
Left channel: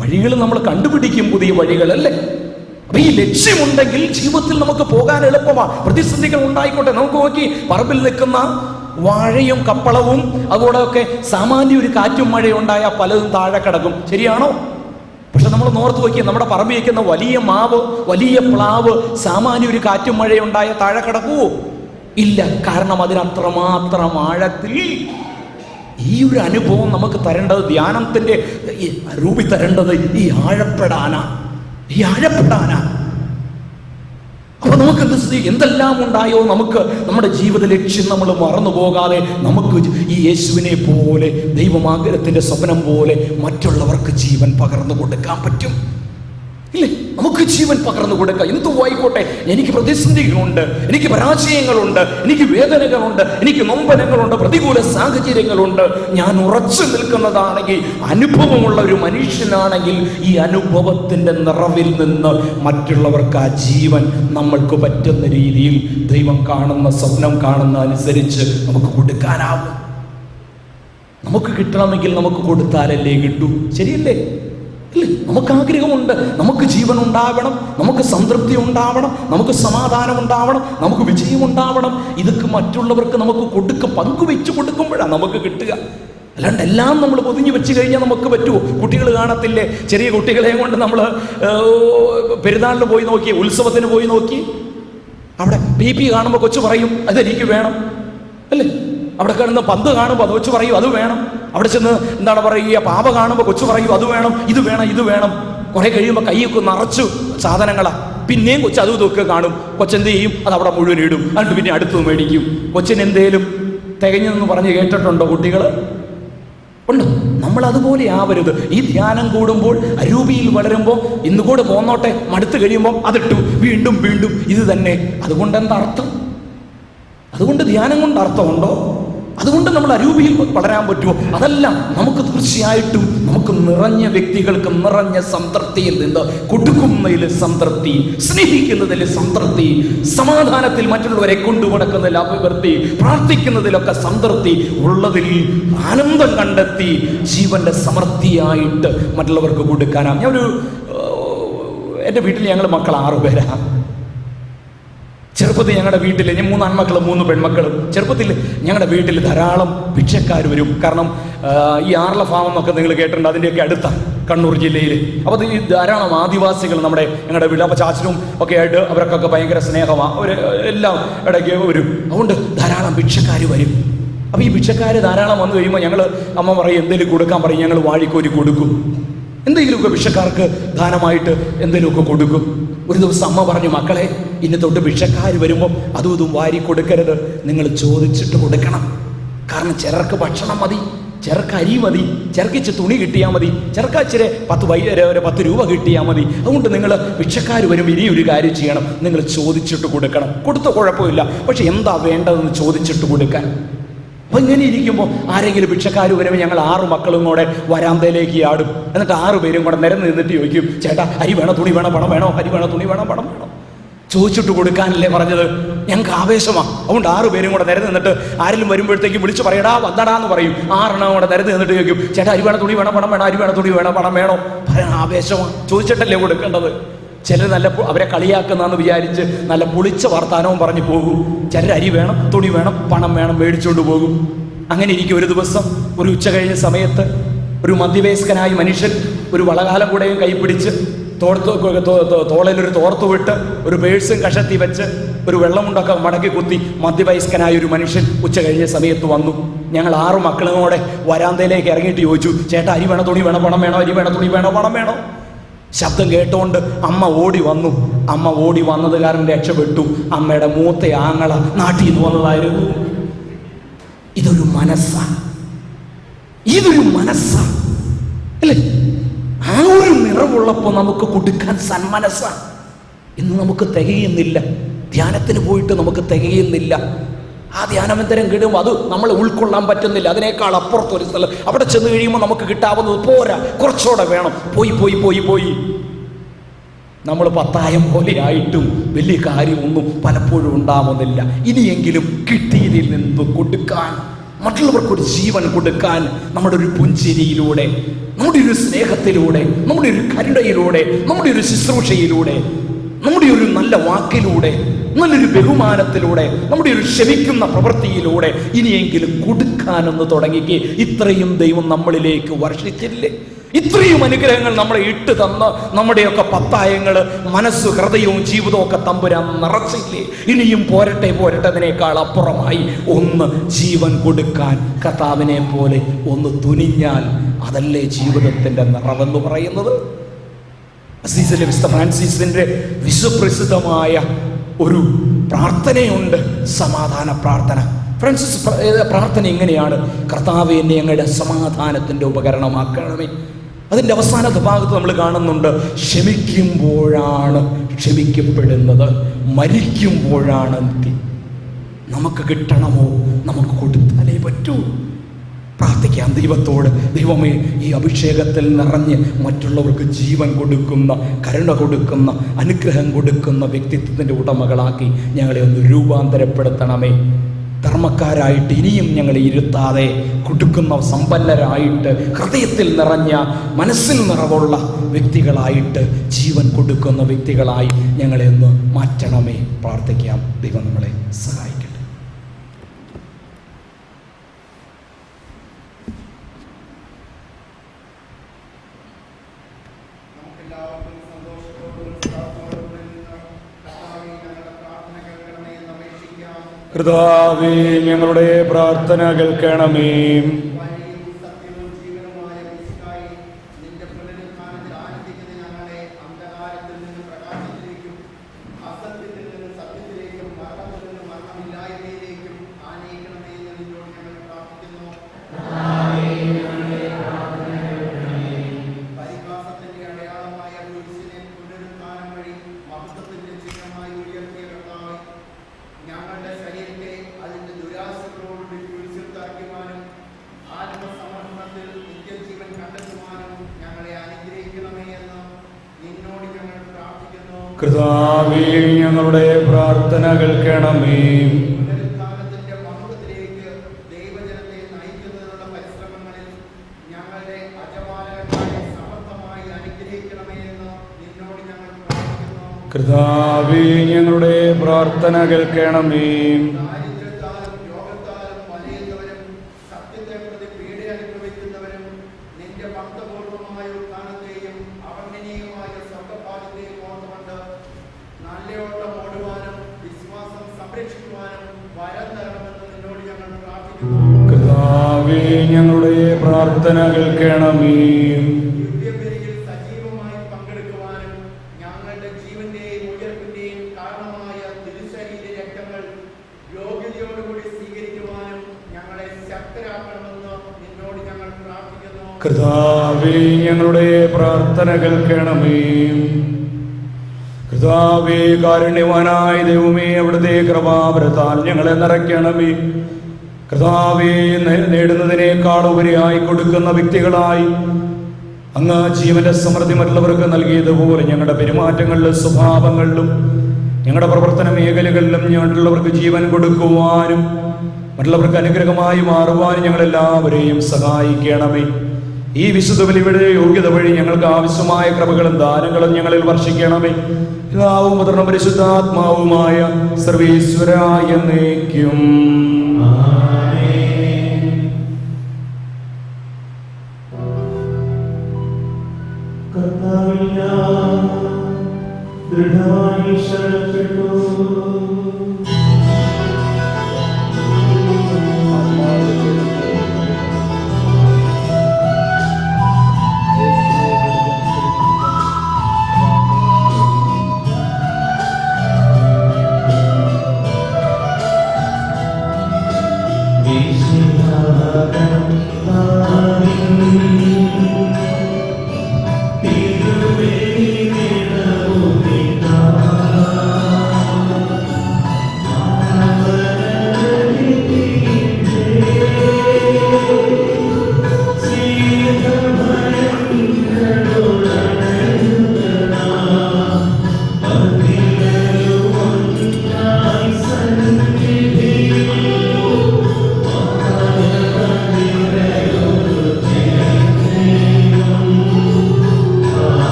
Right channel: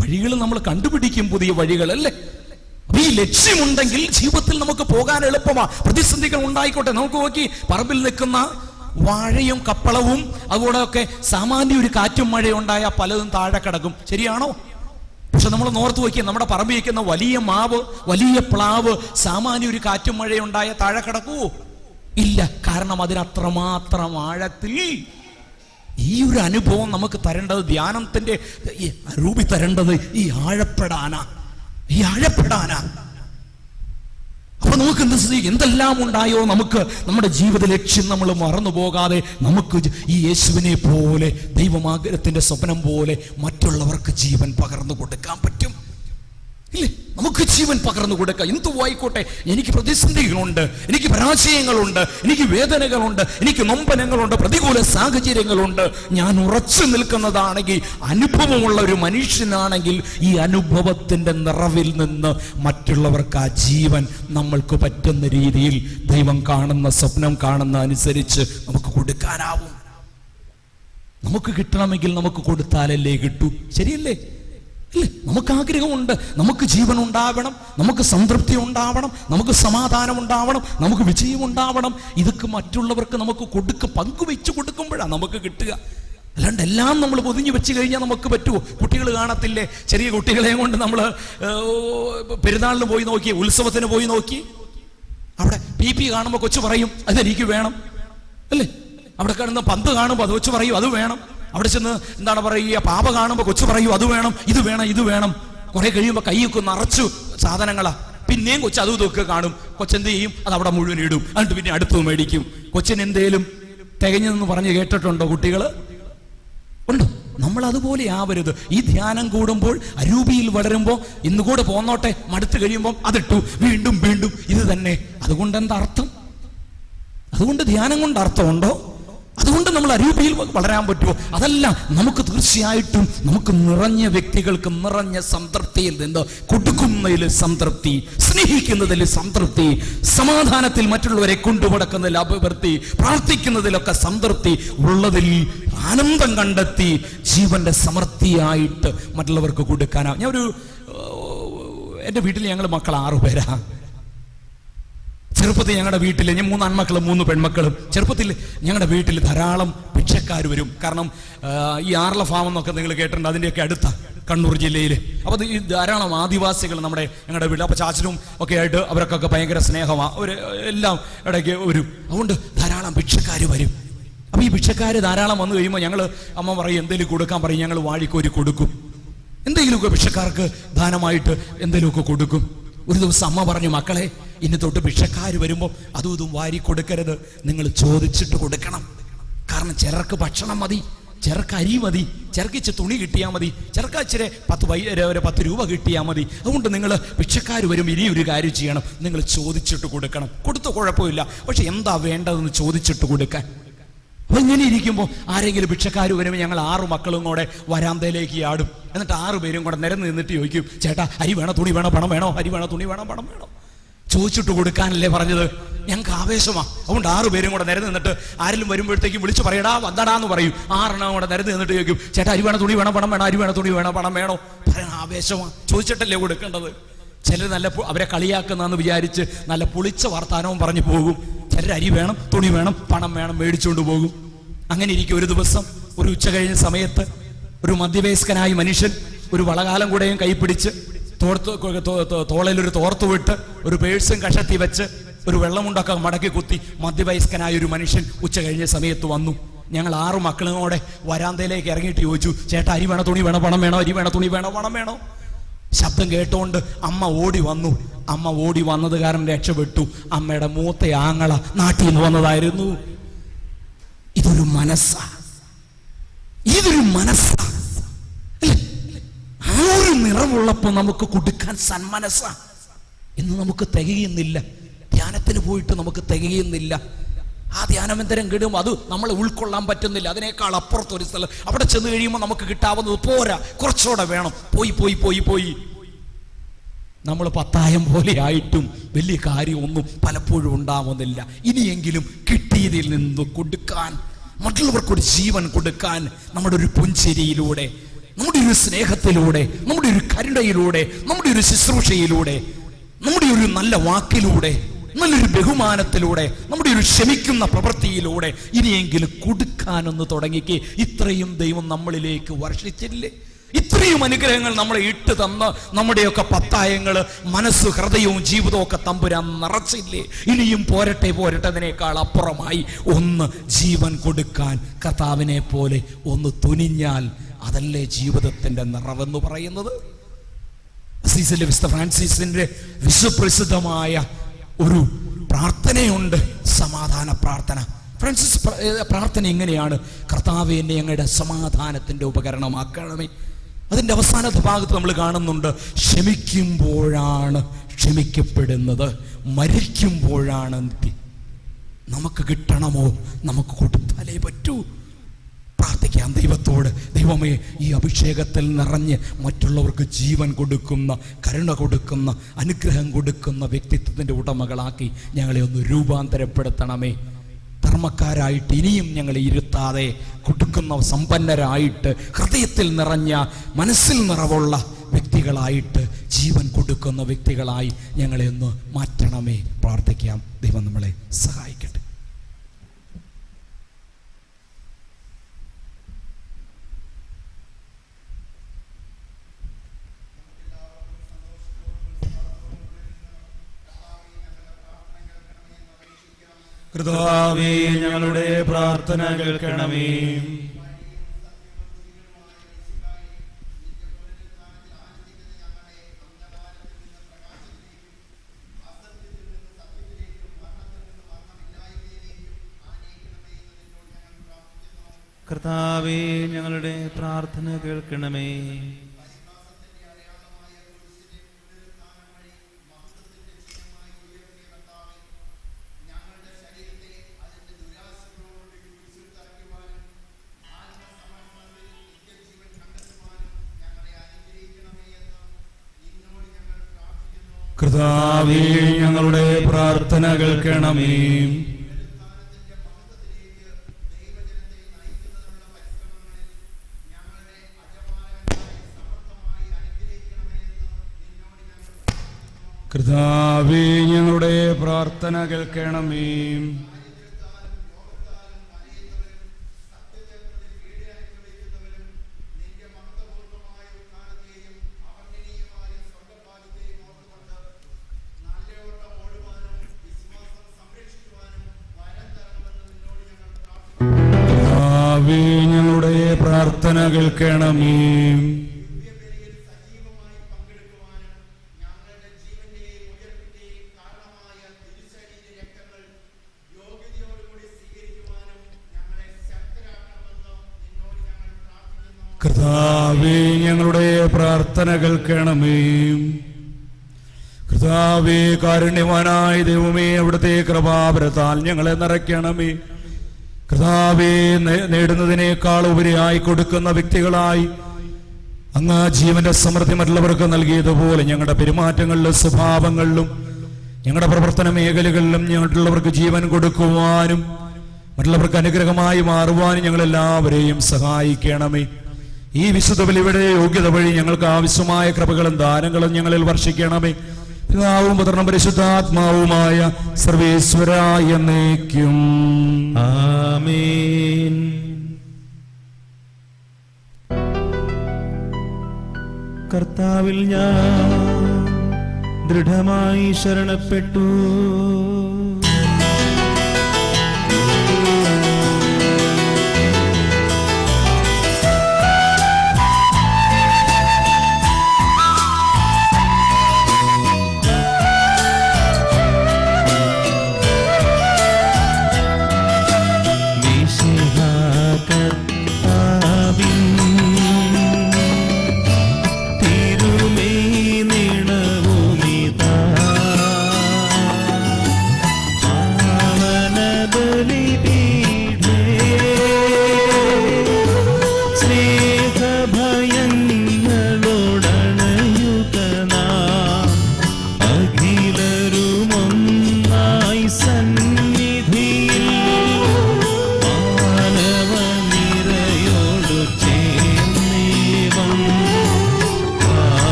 വഴികൾ നമ്മൾ കണ്ടുപിടിക്കും, പുതിയ വഴികൾ, അല്ലേ? ഈ ലക്ഷ്യമുണ്ടെങ്കിൽ ജീവിതത്തിൽ നമുക്ക് പോകാൻ എളുപ്പമാണ്. പ്രതിസന്ധികൾ ഉണ്ടായിക്കോട്ടെ, നമുക്ക് നോക്കി പറമ്പിൽ നിൽക്കുന്ന വാഴയും കപ്പളവും അതുകൂടെയൊക്കെ സാമാന്യ ഒരു കാറ്റും മഴയും ഉണ്ടാകാൻ പലതും താഴെ കിടക്കും, ശരിയാണോ? പക്ഷെ നമ്മൾ നോർത്ത് വയ്ക്കുക, നമ്മുടെ പറമ്പിൽ വയ്ക്കുന്ന വലിയ മാവ്, വലിയ പ്ലാവ് സാമാന്യ ഒരു കാറ്റും മഴയും ഉണ്ടായ താഴെ കിടക്കുവോ? ഇല്ല. കാരണം അതിനത്രമാത്രം ആഴത്തിൽ ഈ ഒരു അനുഭവം നമുക്ക് തരേണ്ടത്, ധ്യാനത്തിന്റെ രൂപി തരേണ്ടത് ഈ ആഴപ്പെടാനാ. അപ്പൊ നമുക്ക് എന്തെല്ലാം ഉണ്ടായോ, നമുക്ക് നമ്മുടെ ജീവിത ലക്ഷ്യം നമ്മൾ മറന്നു പോകാതെ നമുക്ക് ഈ യേശുവിനെ പോലെ, ദൈവമാഗ്രഹത്തിന്റെ സ്വപ്നം പോലെ മറ്റുള്ളവർക്ക് ജീവൻ പകർന്നു കൊടുക്കാൻ പറ്റും, ഇല്ലേ? നമുക്ക് ജീവൻ പകർന്നു കൊടുക്കാം. എന്തു ആയിക്കോട്ടെ, എനിക്ക് പ്രതിസന്ധികളുണ്ട്, എനിക്ക് പരാജയങ്ങളുണ്ട്, എനിക്ക് വേദനകളുണ്ട്, എനിക്ക് നൊമ്പനങ്ങളുണ്ട്, പ്രതികൂല സാഹചര്യങ്ങളുണ്ട്. ഞാൻ ഉറച്ചു നിൽക്കുന്നതാണെങ്കിൽ, അനുഭവമുള്ള ഒരു മനുഷ്യനാണെങ്കിൽ, ഈ അനുഭവത്തിന്റെ നിറവിൽ നിന്ന് മറ്റുള്ളവർക്ക് ആ ജീവൻ നമ്മൾക്ക് പറ്റുന്ന രീതിയിൽ ദൈവം കാണുന്ന, സ്വപ്നം കാണുന്ന അനുസരിച്ച് നമുക്ക് കൊടുക്കാനാവും. നമുക്ക് കിട്ടണമെങ്കിൽ നമുക്ക് കൊടുത്താലല്ലേ കിട്ടൂ, ശരിയല്ലേ? നമുക്ക് ആഗ്രഹമുണ്ട്, നമുക്ക് ജീവൻ ഉണ്ടാവണം, നമുക്ക് സംതൃപ്തി ഉണ്ടാവണം, നമുക്ക് സമാധാനം ഉണ്ടാവണം, നമുക്ക് വിജയം ഉണ്ടാവണം. ഇതൊക്കെ മറ്റുള്ളവർക്ക് നമുക്ക് പങ്കുവെച്ച് കൊടുക്കുമ്പോഴാണ് നമുക്ക് കിട്ടുക. അല്ലാണ്ട് എല്ലാം നമ്മൾ പൊതിഞ്ഞു വെച്ച് കഴിഞ്ഞാൽ നമുക്ക് പറ്റുമോ? കുട്ടികൾ കാണത്തില്ലേ, ചെറിയ കുട്ടികളെയും കൊണ്ട് നമ്മൾ പെരുന്നാളിന് പോയി നോക്കി, ഉത്സവത്തിന് പോയി നോക്കി, അവിടെ PP കാണുമ്പോൾ കൊച്ചു പറയും അതെനിക്ക് വേണം, അല്ലേ? അവിടെ കാണുന്ന പന്ത് കാണുമ്പോൾ അത് കൊച്ചു പറയും അത് വേണം. അവിടെ ചെന്ന് എന്താണ് പറയുക, പാപ കാണുമ്പോൾ കൊച്ചു പറയും അത് വേണം, ഇത് വേണം, ഇത് വേണം. കുറെ കഴിയുമ്പോൾ കൈയൊക്കെ നിറച്ചു സാധനങ്ങളാ. പിന്നെയും കൊച്ചു അതും ഇതൊക്കെ കാണും. കൊച്ചെന്ത് ചെയ്യും? അത് അവിടെ മുഴുവൻ ഇടും, എന്നിട്ട് പിന്നെ അടുത്ത് മേടിക്കും. കൊച്ചിന് എന്തേലും തികഞ്ഞെന്ന് പറഞ്ഞ് കേട്ടിട്ടുണ്ടോ കുട്ടികൾ? ഉണ്ട്. നമ്മൾ അതുപോലെ ആവരുത്. ഈ ധ്യാനം കൂടുമ്പോൾ, അരൂപിയിൽ വളരുമ്പോൾ, ഇന്നുകൂടെ പോന്നോട്ടെ, മടുത്ത് കഴിയുമ്പോൾ അതിട്ടു, വീണ്ടും വീണ്ടും ഇത് തന്നെ. അതുകൊണ്ട് എന്താ അർത്ഥം? അതുകൊണ്ട് ധ്യാനം കൊണ്ട് അർത്ഥമുണ്ടോ? അതുകൊണ്ട് നമ്മൾ അരൂപിയിൽ വളരാൻ പറ്റുമോ? അതല്ല. നമുക്ക് തീർച്ചയായിട്ടും നമുക്ക് നിറഞ്ഞ വ്യക്തികൾക്ക് നിറഞ്ഞ സംതൃപ്തിയിൽ നിന്ന് കൊടുക്കുന്നതിൽ സംതൃപ്തി, സ്നേഹിക്കുന്നതിൽ സംതൃപ്തി, സമാധാനത്തിൽ മറ്റുള്ളവരെ കൊണ്ടുനടക്കുന്നതിൽ അഭിവൃദ്ധി, പ്രാർത്ഥിക്കുന്നതിലൊക്കെ സംതൃപ്തി ഉള്ളതിൽ ആനന്ദം കണ്ടെത്തി ജീവന്റെ സമൃദ്ധിയായിട്ട് മറ്റുള്ളവർക്ക് കൊടുക്കാനാണ്. എൻ്റെ വീട്ടിൽ ഞങ്ങൾ മക്കൾ 6 പേരാണ്. ചെറുപ്പത്തിൽ ഞങ്ങളുടെ വീട്ടിൽ 3 ആൺമക്കളും 3 പെൺമക്കളും. ചെറുപ്പത്തിൽ ഞങ്ങളുടെ വീട്ടിൽ ധാരാളം ഭിക്ഷക്കാർ വരും. കാരണം ഈ ആർല ഫാം എന്നൊക്കെ നിങ്ങൾ കേട്ടിട്ടുണ്ട്, അതിൻ്റെയൊക്കെ അടുത്താണ് കണ്ണൂർ ജില്ലയിൽ. അപ്പോൾ ഈ ധാരാളം ആദിവാസികൾ ഞങ്ങളുടെ വീട്ടിൽ, അപ്പോൾ ചാച്ചനും ഒക്കെ ആയിട്ട് അവർക്കൊക്കെ ഭയങ്കര സ്നേഹമാണ്, അവർ എല്ലാം ഇടയ്ക്ക് വരും. അതുകൊണ്ട് ധാരാളം ഭിക്ഷക്കാർ വരും. അപ്പോൾ ഈ ഭിക്ഷക്കാർ ധാരാളം വന്നു കഴിയുമ്പോൾ അമ്മ പറയും എന്തെങ്കിലും കൊടുക്കാൻ പറയും, ഞങ്ങൾ വാഴിക്കോരി കൊടുക്കും. എന്തെങ്കിലുമൊക്കെ ഭിക്ഷക്കാർക്ക് ദാനമായിട്ട് എന്തെങ്കിലുമൊക്കെ കൊടുക്കും. ഒരു ദിവസം അമ്മ പറഞ്ഞു, മക്കളെ ഇനി തൊട്ട് ഭിക്ഷക്കാർ വരുമ്പോൾ അതും ഇതും വാരി കൊടുക്കരുത്, നിങ്ങൾ ചോദിച്ചിട്ട് കൊടുക്കണം. കാരണം ചിലർക്ക് ഭക്ഷണം മതി, ചിലർക്ക് അരി മതി, ചിലർക്ക് ഇച്ചിരി തുണി കിട്ടിയാൽ മതി, ചിലർക്ക് ഇച്ചിരി 10 രൂപ കിട്ടിയാൽ മതി. അതുകൊണ്ട് നിങ്ങൾ ഭിക്ഷക്കാർ വരുമ്പോൾ ഇനി ഒരു കാര്യം ചെയ്യണം, നിങ്ങൾ ചോദിച്ചിട്ട് കൊടുക്കണം. കൊടുത്ത കുഴപ്പമില്ല, പക്ഷെ എന്താ വേണ്ടതെന്ന് ചോദിച്ചിട്ട് കൊടുക്കാൻ. അപ്പം ഇങ്ങനെ ഇരിക്കുമ്പോൾ ആരെങ്കിലും ഭിക്ഷക്കാർ വരുമ്പോൾ ഞങ്ങൾ 6 മക്കളും കൂടെ വരാന്തയിലേക്ക് ആടും. എന്നിട്ട് 6 പേരും കൂടെ നിരന്ന് നിന്നിട്ട് ചോദിക്കും, ചേട്ടാ അരി വേണോ, തുണി വേണോ, പണം വേണോ, അരി വേണോ, തുണി വേണോ, പണം വേണോ? ചോദിച്ചിട്ട് കൊടുക്കാനല്ലേ പറഞ്ഞത്. ഞങ്ങൾക്ക് ആവേശമാണ്. അതുകൊണ്ട് 6 പേരും കൂടെ നിരന്ന് നിന്നിട്ട് ആരെങ്കിലും വരുമ്പോഴത്തേക്കും വിളിച്ച് പറയടാ വന്നടാന്ന് പറയും. 6 എണ്ണം കൂടെ നിരന്ന് നിന്നിട്ട് ചോദിക്കും, ചേട്ടാ അരി വേണോ, തുണി വേണോ, പണം വേണോ, അരി വേണോ, തുണി വേണോ, പണം വേണോ? പറയാൻ ആവേശമാണ്. ചോദിച്ചിട്ടല്ലേ കൊടുക്കേണ്ടത്. ചിലർ അവരെ കളിയാക്കുന്നാന്ന് വിചാരിച്ച് നല്ല പൊളിച്ച വർത്താനവും പറഞ്ഞു പോകും. ചിലർ അരി വേണം, തുണി വേണം, പണം വേണം മേടിച്ചുകൊണ്ട് പോകും. അങ്ങനെ ഇരിക്കും. ഒരു ദിവസം ഒരു ഉച്ച കഴിഞ്ഞ സമയത്ത് ഒരു മധ്യവയസ്കനായ മനുഷ്യൻ ഒരു വളകാലം കൂടെയും കൈപ്പിടിച്ച് തോളിലൊരു തോർത്ത് വിട്ട് ഒരു പേഴ്സും കഷത്തി വെച്ച് ഒരു വെള്ളമുണ്ടൊക്കെ മടക്കി കുത്തി മധ്യവയസ്കനായ ഒരു മനുഷ്യൻ ഉച്ച കഴിഞ്ഞ സമയത്ത് വന്നു. ഞങ്ങൾ 6 മക്കളോടെ വരാന്തയിലേക്ക് ഇറങ്ങിയിട്ട് ചോദിച്ചു, ചേട്ടാ അരി വേണോ തുണി വേണോ പണം വേണോ, അരി വേണോ തുണി വേണോ പണം വേണോ? ശബ്ദം കേട്ടോണ്ട് അമ്മ ഓടി വന്നു. അമ്മ ഓടി വന്നത് കാരണം രക്ഷപ്പെട്ടു. അമ്മയുടെ മൂത്ത ആങ്ങള നാട്ടിൽ നിന്ന് വന്നതായിരുന്നു. ഇതൊരു മനസ്സാണ്, ഇതൊരു മനസ്സാണ് അല്ലേ? ആ ഒരു നിറവുള്ളപ്പോൾ നമുക്ക് കൊടുക്കാൻ സന്മനസ്സാണ്. ഇന്ന് നമുക്ക് തികയുന്നില്ല. ധ്യാനത്തിന് പോയിട്ട് നമുക്ക് തികയുന്നില്ല. ആ ധ്യാനമന്തരം കിടുമ്പോൾ അത് നമ്മളെ ഉൾക്കൊള്ളാൻ പറ്റുന്നില്ല. അതിനേക്കാൾ അപ്പുറത്തൊരു സ്ഥലം അവിടെ ചെന്ന് കഴിയുമ്പോൾ നമുക്ക് കിട്ടാവുന്നത് പോരാ, കുറച്ചുകൂടെ വേണം. പോയി പോയി പോയി പോയി നമ്മൾ പത്തായം പോലെ ആയിട്ടും വലിയ കാര്യമൊന്നും പലപ്പോഴും ഉണ്ടാവുന്നില്ല. ഇനിയെങ്കിലും കിട്ടിയതിൽ നിന്ന് കൊടുക്കാൻ, മറ്റുള്ളവർക്കൊരു ജീവൻ കൊടുക്കാൻ നമ്മുടെ ഒരു പുഞ്ചിരിയിലൂടെ, നമ്മുടെ ഒരു സ്നേഹത്തിലൂടെ, നമ്മുടെ ഒരു കരുണയിലൂടെ, നമ്മുടെ ഒരു ശുശ്രൂഷയിലൂടെ, നമ്മുടെ ഒരു നല്ല വാക്കിലൂടെ, നല്ലൊരു ബഹുമാനത്തിലൂടെ, നമ്മുടെ ഒരു ക്ഷമിക്കുന്ന പ്രവൃത്തിയിലൂടെ ഇനിയെങ്കിലും കൊടുക്കാനെന്ന് തുടങ്ങിക്ക്. ഇത്രയും ദൈവം നമ്മളിലേക്ക് വർഷിച്ചില്ലേ? ഇത്രയും അനുഗ്രഹങ്ങൾ നമ്മളെ ഇട്ട് തന്ന നമ്മുടെയൊക്കെ പത്തായങ്ങൾ, മനസ്സ്, ഹൃദയവും ജീവിതവും ഒക്കെ തമ്പുരാൻ നിറച്ചില്ലേ? ഇനിയും പോരട്ടെ പോരട്ടെ. അതിനേക്കാൾ അപ്പുറമായി ഒന്ന് ജീവൻ കൊടുക്കാൻ കർത്താവിനെ പോലെ ഒന്ന് തുനിഞ്ഞാൽ അതല്ലേ ജീവിതത്തിന്റെ നിറവെന്ന് പറയുന്നത്? അസീസിലെ വിശുദ്ധ ഫ്രാൻസിസിന്റെ വിശ്വപ്രസിദ്ധമായ ഒരു പ്രാർത്ഥനയുണ്ട്, സമാധാന പ്രാർത്ഥന. ഫ്രാൻസിസ് പ്രാർത്ഥന ഇങ്ങനെയാണ്: കർത്താവേ, എന്നെ അങ്ങയുടെ സമാധാനത്തിന്റെ ഉപകരണമാക്കണമേ. അതിൻ്റെ അവസാനത്തെ ഭാഗത്ത് നമ്മൾ കാണുന്നുണ്ട്, ക്ഷമിക്കുമ്പോഴാണ് ക്ഷമിക്കപ്പെടുന്നത്, മരിക്കുമ്പോഴാണ് നീതി. നമുക്ക് കിട്ടണമോ നമുക്ക് കൊടുത്താലേ പറ്റൂ. പ്രാർത്ഥിക്കാം ദൈവത്തോട്, ദൈവമേ, ഈ അഭിഷേകത്തിൽ നിറഞ്ഞ് മറ്റുള്ളവർക്ക് ജീവൻ കൊടുക്കുന്ന, കരുണ കൊടുക്കുന്ന, അനുഗ്രഹം കൊടുക്കുന്ന വ്യക്തിത്വത്തിൻ്റെ ഉടമകളാക്കി ഞങ്ങളെ ഒന്ന് രൂപാന്തരപ്പെടുത്തണമേ. ധർമ്മക്കാരായിട്ട് ഇനിയും ഞങ്ങളെ ഇരുത്താതെ കൊടുക്കുന്ന സമ്പന്നരായിട്ട്, ഹൃദയത്തിൽ നിറഞ്ഞ, മനസ്സിൽ നിറവുള്ള വ്യക്തികളായിട്ട്, ജീവൻ കൊടുക്കുന്ന വ്യക്തികളായി ഞങ്ങളെ ഒന്ന് മാറ്റണമേ. പ്രാർത്ഥിക്കാം. ദൈവം നമ്മളെ സഹായിക്കട്ടെ. കർത്താവേ, ഞങ്ങളുടെ പ്രാർത്ഥന കേൾക്കണമേ. കർത്താവേ, ഞങ്ങളുടെ പ്രാർത്ഥന കേൾക്കണമേ. കർത്താവേ, ഞങ്ങളുടെ പ്രാർത്ഥന കേൾക്കണമേ. കർത്താവേ, ഞങ്ങളുടെ പ്രാർത്ഥന കേൾക്കണമേ. കർത്താവേ, ഞങ്ങളുടെ പ്രാർത്ഥന കേൾക്കണമേ. കർത്താവേ, കാരുണ്യവാനായ ദൈവമേ, അവിടുത്തെ കൃപാവരത്താൽ ഞങ്ങളെ നിറയ്ക്കണമേ. കർത്താവേ, നേടുന്നതിനേക്കാൾ ഉപരിയായി കൊടുക്കുന്ന വ്യക്തികളായി അങ്ങ് ജീവന്റെ സമൃദ്ധി മറ്റുള്ളവർക്ക് നൽകിയതുപോലെ ഞങ്ങളുടെ പെരുമാറ്റങ്ങളിലും സ്വഭാവങ്ങളിലും ഞങ്ങളുടെ പ്രവർത്തന മേഖലകളിലും മറ്റുള്ളവർക്ക് ജീവൻ കൊടുക്കുവാനും മറ്റുള്ളവർക്ക് അനുഗ്രഹമായി മാറുവാനും ഞങ്ങളെല്ലാവരെയും സഹായിക്കണമേ. ഈ വിശുദ്ധ ബലിയുടെ യോഗ്യത വഴി ഞങ്ങൾക്ക് ആവശ്യമായ കൃപകളും ദാനങ്ങളും ഞങ്ങളിൽ വർഷിക്കണമേ. പിതാവും പുത്രനും പരിശുദ്ധാത്മാവുമായ സർവേശ്വരായ എന്നേക്കും. ആമേൻ.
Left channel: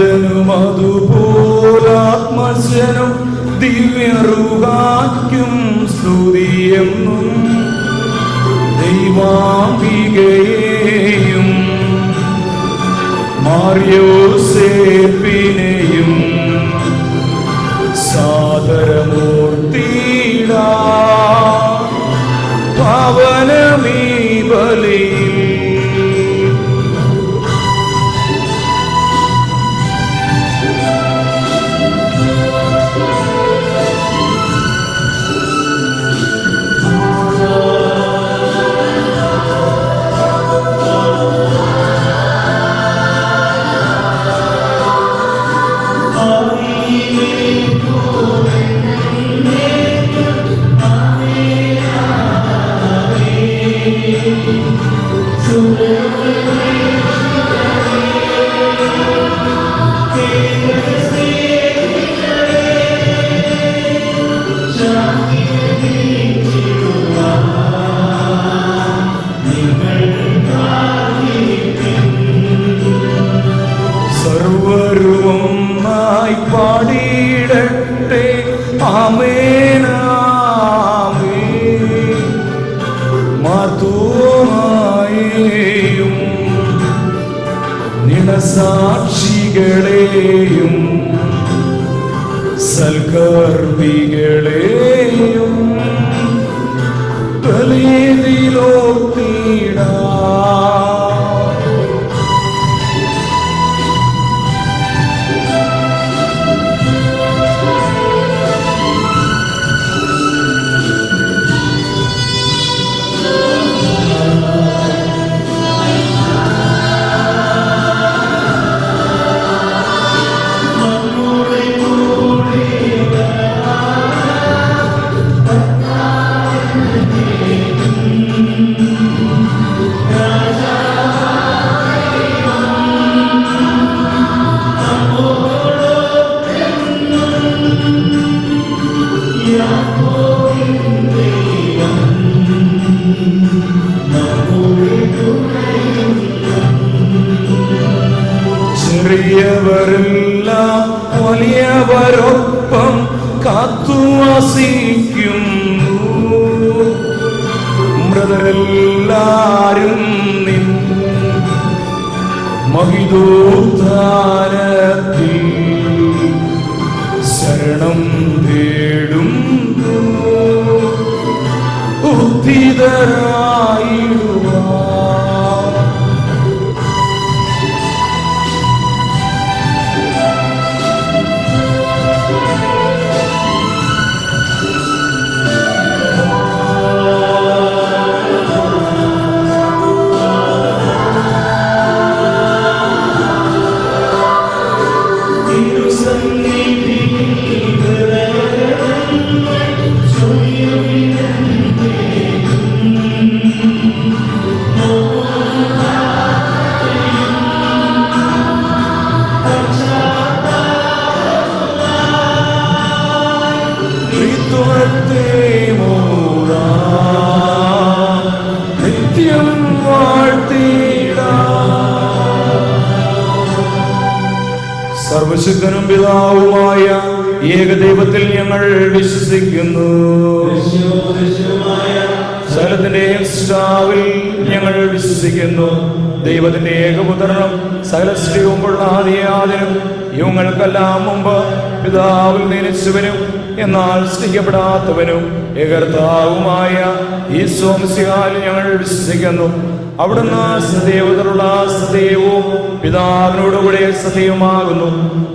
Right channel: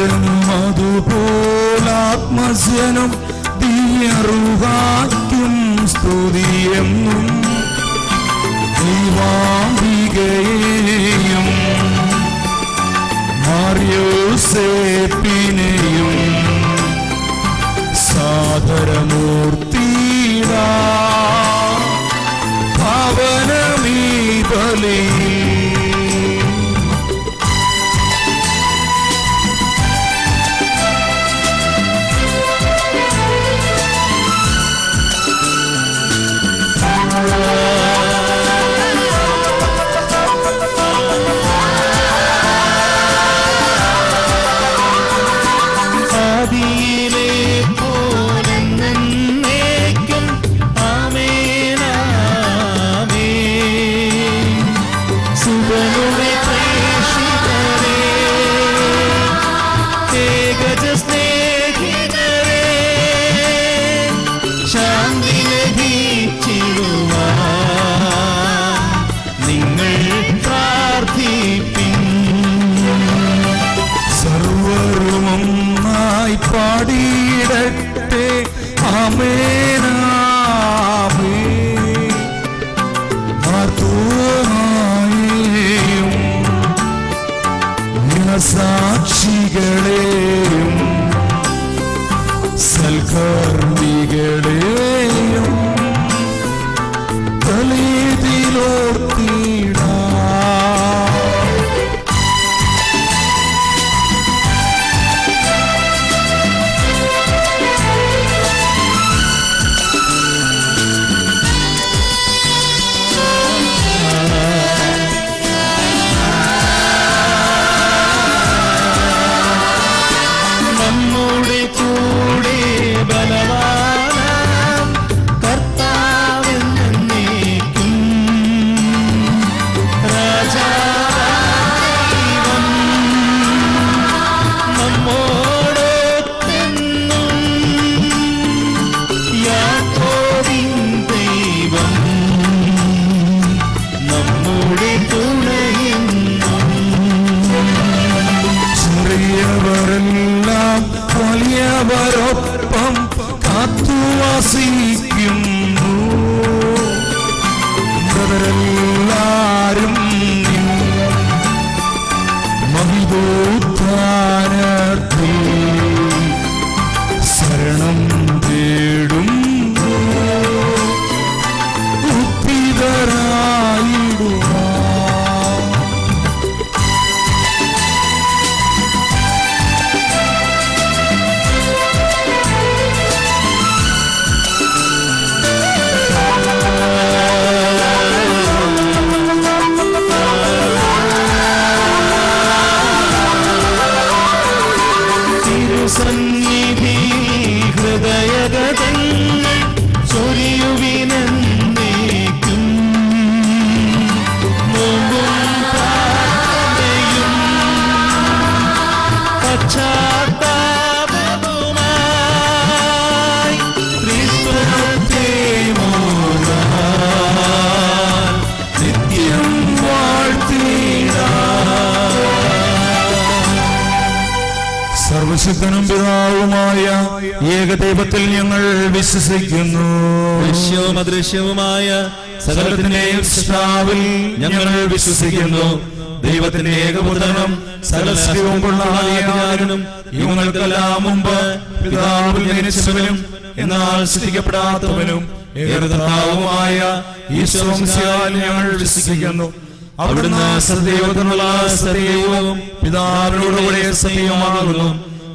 നാഥനും അതുപോലാത്മസ്യനും ദിവ്യറുകാറ്റും സ്തുതിയെന്നും ദൈവാംബികയെയും മാർയോസേപ്പിനെയും സാദരമൂർത്തിയിട പാവനമീ ബലിയിൽ. സർവരുമൊന്നായി പാടിയിടട്ടെ ആമേൻ ആമേൻ. മാർത്തോമായെയും ഗുണസാക്ഷികളെയും സൽക്കർമ്മികളെയും ബലിയിലോർത്തിടാം. ചെറിയവരെല്ലാം വലിയവരൊപ്പം കാത്തുവസിക്കുന്നു. മൃതരെല്ലാരും മഹിതോദ്ധാരത്തിൽ ശരണം തേടുന്നു. ഉദ്ധിതരായിടുക. സർവശക്തനും പിതാവുമായ ഏകദൈവത്തിൽ ഞങ്ങൾ വിശ്വസിക്കുന്നു. ദൃശ്യവുമായ സകലത്തിന്റെ സൃഷ്ടാവിൽ ഞങ്ങൾ വിശ്വസിക്കുന്നു. ദൈവത്തിന്റെ ഏകപുത്രനും സകലസ്യവും പൊള്ളാതെയാകനും യുവങ്ങൾക്കെല്ലാം മുമ്പ് പിതാവിൽ നിശ്ചിതനും എന്നാൽ സ്തുതിക്കപ്പെടാത്തവനും ഏകർത്താവുമായ ഈശോ മിശിഹായിൽ ഞങ്ങൾ വിശ്വസിക്കുന്നു. അവിടുന്ന് സദൈവത്തിനുള്ള സദൈവവും പിതാവിനോടുകൂടെ സദൈവമാകുന്നു.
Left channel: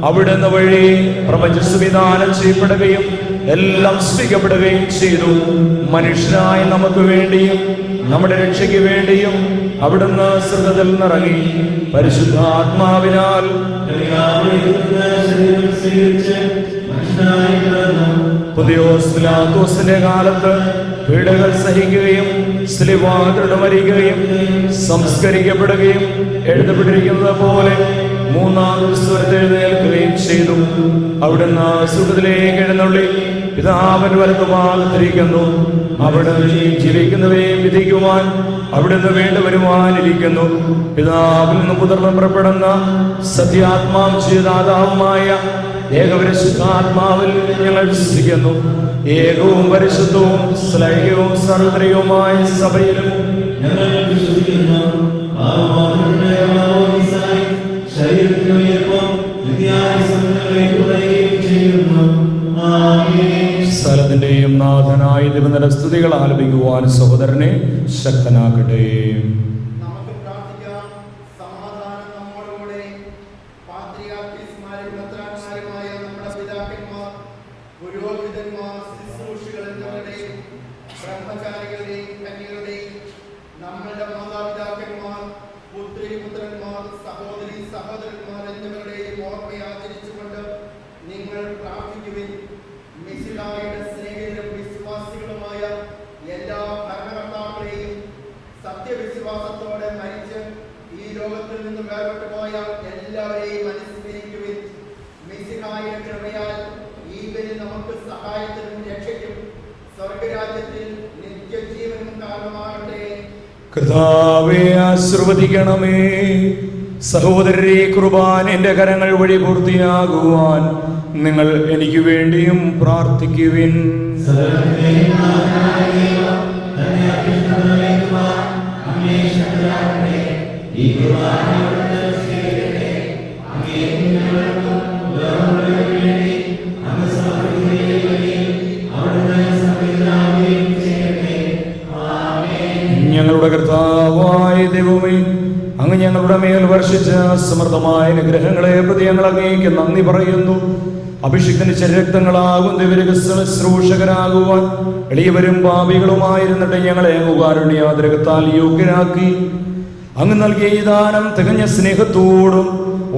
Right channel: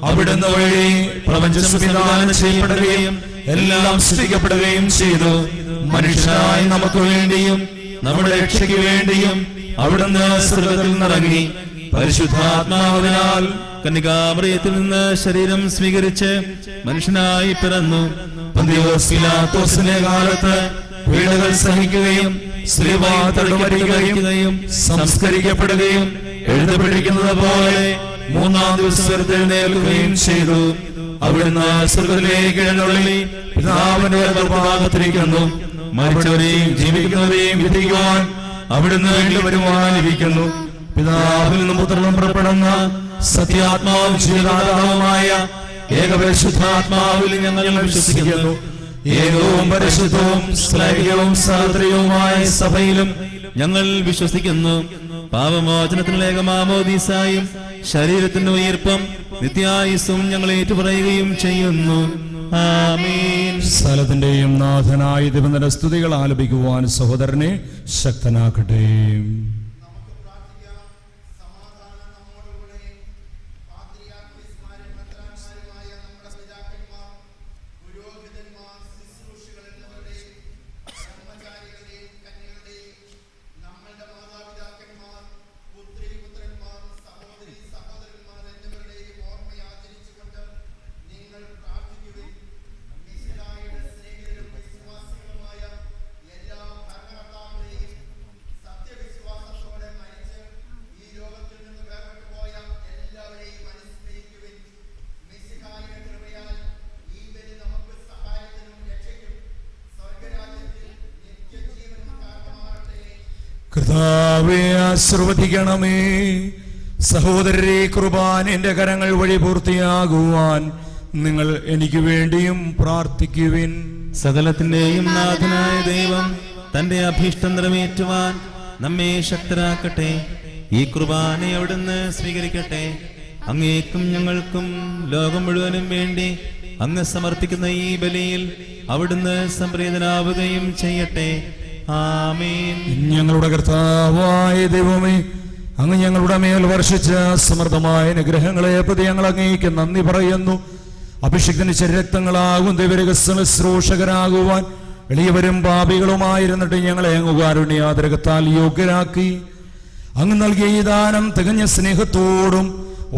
അവിടുന്ന് വഴി പ്രപഞ്ചവിധാനം ചെയ്യപ്പെടുകയും എല്ലാം സൃഷ്ടിക്കപ്പെടുകയും ചെയ്തു. മനുഷ്യനായി നമുക്ക് വേണ്ടിയും നമ്മുടെ രക്ഷയ്ക്ക് വേണ്ടിയും അവിടുന്ന് സ്വർഗ്ഗത്തിൽ നിന്നിറങ്ങി പരിശുദ്ധാത്മാവിനാൽ കന്യകാമറിയത്തിൽ നിന്ന് ശരീരം സ്വീകരിച്ച് മനുഷ്യനായി പിറന്നു. പതിയോസിന്റെ കാലത്ത് പീഡകൾ സഹിക്കുകയും സ്ത്രീവാദത്തോട് മരിക്കുകയും സംസ്കരിക്കപ്പെടുകയും എഴുതപ്പെട്ടിരിക്കുന്നത് പോലെ മൂന്നാം ദിവസം എഴുന്നേൽക്കുകയും ചെയ്തു. അവിടുന്ന് സ്വർഗ്ഗത്തിലേക്ക് എഴുന്നള്ളി പിതാവിന്റെ വലതുഭാഗത്തിരിക്കുന്നു. മരിച്ചവരെയും ജീവിക്കുന്നവരെയും വിധിക്കുവാൻ അവിടുന്ന് വീണ്ടും വരുവാൻ ഇരിക്കുന്നു. പിതാവിൽ നിന്നും പുത്രനും പുറപ്പെടുന്ന സത്യാത്മാവും ജീവദാതാവുമായ ഏകപരിശുദ്ധാത്മാവിൽ ഞങ്ങൾ വിശ്വസിക്കുന്നു. ഏകവും പരിശുദ്ധവും സ്ലൈകവും സാർവത്രികവുമായ സഭയിലും ഞങ്ങൾ വിശ്വസിക്കുന്നു. പാപമോചനത്തിനുള്ള ഏകമാമോദീസായി ശരീരത്തിന്റെ ഉയർപ്പും നിത്യായുസ്സും ഞങ്ങൾ ഏറ്റുപറയുകയും ചെയ്യുന്നു. ആമേൻ. സ്ഥലത്തിന്റെയും നാഥനായ ദൈവത്തിന്റെ സ്തുതികൾ ആലപിക്കുവാൻ സഹോദരനെ ശക്തനാക്കട്ടെ. നമുക്ക് പ്രാർത്ഥിക്കാം. സമാധാനം നമ്മോടുകൂടെ. പാത്രിയാർക്കീസ്മാരും മെത്രാന്മാരുമായ നമ്മുടെ പിതാക്കന്മാർ, പുരോഹിതന്മാർ, ശുശ്രൂഷികൾ എന്നിവരുടെയും ബ്രഹ്മചാരികളുടെയും കന്യകളുടെയും നമ്മളുടെ മാതാപിതാക്കന്മാർ, പുത്രി പുത്രന്മാർ, സഹോദരി സഹോദരന്മാർ എന്നിവരുടെയും ഓർമ്മയെ ആചരിച്ചുകൊണ്ട് നിങ്ങൾ പ്രാർത്ഥിക്കുവിൻ. മിശിഹായുടെ സ്നേഹിതരും വിശ്വാസികളുമായ എല്ലാ ഭരണകർത്താക്കളെയും സത്യവിശ്വാസത്തോടെ മരിച്ച് ഈ ലോകത്തിൽ നിന്ന് വേർപെട്ടു പോയ എല്ലാവരെയും അനുസ്മരിക്കുവിൻ. മിശിഹായുടെ കൃപയാൽ ഈ ബലി നമുക്ക് സഹായത്തിനും രക്ഷയ്ക്കും സ്വർഗരാജ്യത്തിൽ നിത്യജീവനും കാരണമാകട്ടെ. കർത്താവേ, ആശീർവദിക്കണമേ. സഹോദരരെ, കുർബാനയുടെ കരങ്ങൾ വഴി പൂർത്തിയാകുവാൻ നിങ്ങൾ എനിക്ക് വേണ്ടിയും പ്രാർത്ഥിക്കുവിൻ. സകലത്തിന്റെയും നാഥനായ ദൈവം തന്നെ അഭീഷ്ടേറ്റുവാൻ നമ്മെ ശക്തനാക്കട്ടെ. ഈ കുർബാനയെ അവിടുന്ന് സ്വീകരിക്കട്ടെ. അങ്ങേക്കും ഞങ്ങൾക്കും ലോകം മുഴുവനും വേണ്ടി അങ്ങ് സമർപ്പിക്കുന്ന ഈ ബലിയിൽ അവിടുന്ന് സംപ്രീതനാവുകയും ചെയ്യട്ടെ. ആമേൻ. ഞങ്ങളുടെ കർത്താവായ ദൈവമേ, അങ്ങ് ഞങ്ങളുടെ മേൽ വർഷിച്ച സമൃദ്ധമായ അനുഗ്രഹങ്ങളെ പ്രതി ഞങ്ങൾ അങ്ങേക്ക് നന്ദി പറയുന്നു. അഭിഷിക്തന്റെ ശരീരങ്ങളാകും ദൈവരഹസ്യശ്രൂഷകരാകുവാൻ എളിയവരും പാപികളുമായിരുന്നിട്ട് ഞങ്ങളെ കാരുണ്യാതിരകത്താൽ യോഗ്യരാക്കി. അങ്ങ് നൽകിയ ഈ ദാനം തികഞ്ഞ സ്നേഹത്തോടും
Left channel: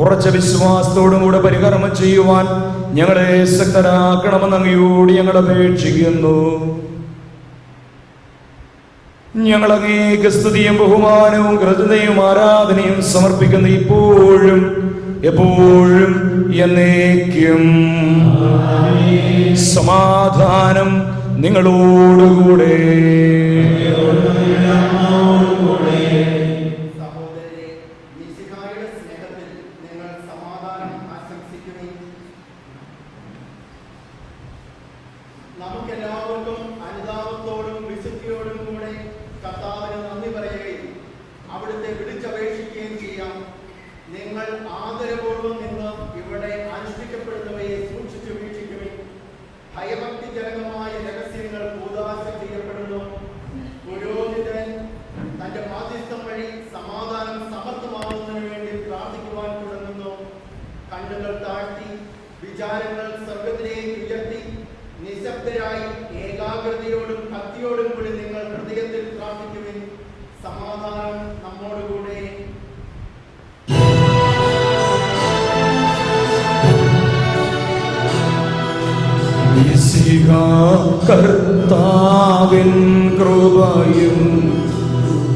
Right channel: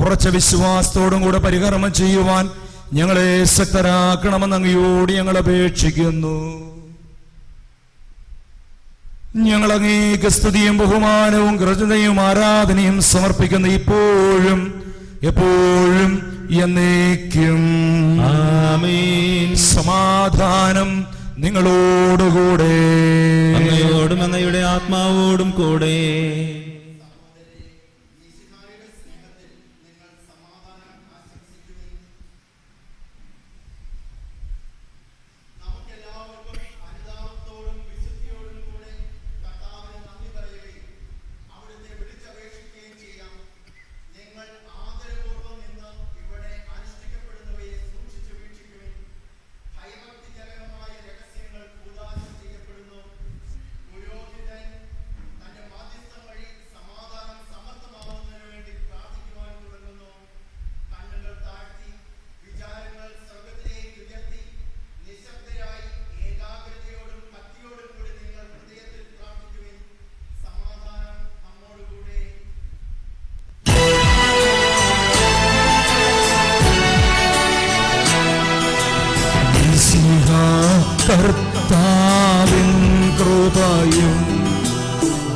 ഉറച്ച വിശ്വാസത്തോടും കൂടെ പരികർമ്മം ചെയ്യുവാൻ ഞങ്ങളെ ശക്തരാക്കണമെന്ന് അങ്ങയോട് ഞങ്ങൾ അപേക്ഷിക്കുന്നു. ഞങ്ങൾ അങ്ങേക്ക് സ്തുതിയും ബഹുമാനവും കൃതജ്ഞതയും ആരാധനയും സമർപ്പിക്കുന്നു, ഇപ്പോഴും എപ്പോഴും എന്നേക്കും. ആമേൻ. സമാധാനം നിങ്ങളോടുകൂടെ. അങ്ങയോടും അങ്ങയുടെ ആത്മാവോടും കൂടെ. സഹോദരരെ, മിശിഹായുടെ സ്നേഹത്തിൽ നിങ്ങൾ സമാധാനം ആശംസിക്കുവിൻ. നമുക്കെല്ലാവർക്കും അനുതാപത്തോടും വിശുദ്ധിയോടും കൂടെ കർത്താവിന് നന്ദി പറയുകയും അവിടുത്തെ വിളിച്ചപേക്ഷിക്കുകയും ചെയ്യാം. നിങ്ങൾ ആദരപൂർവ്വം നിന്ന് ഇവിടെ അനുഷ്ഠിക്കപ്പെടുന്നവയെ സൂക്ഷിച്ചു വീക്ഷിക്കുവിൻ. ഭയഭക്തിജനകമായ രഹസ്യങ്ങൾ കൂദാശ ചെയ്യപ്പെടുന്നു. പുരോഹിതൻ തന്റെ മാധ്യസ്ഥം വഴി സമാധാനം സമർത്ഥമാകുന്നതിന് വേണ്ടി പ്രാർത്ഥിക്കുവാൻ തുടങ്ങുന്നു. കണ്ണുകൾ താഴ്ത്തി വിചാരങ്ങൾ സ്വർഗത്തിലേക്ക് ഉയർത്തി നിശബ്ദരായി ഏകാഗ്രതയോടും ഭക്തിയോടും കൂടി നിങ്ങൾ ഹൃദയത്തിൽ പ്രാർത്ഥിക്കുവിൻ. സമാധാനം നമ്മോടുകൂടെ. കർത്താവിൻ കൃപയും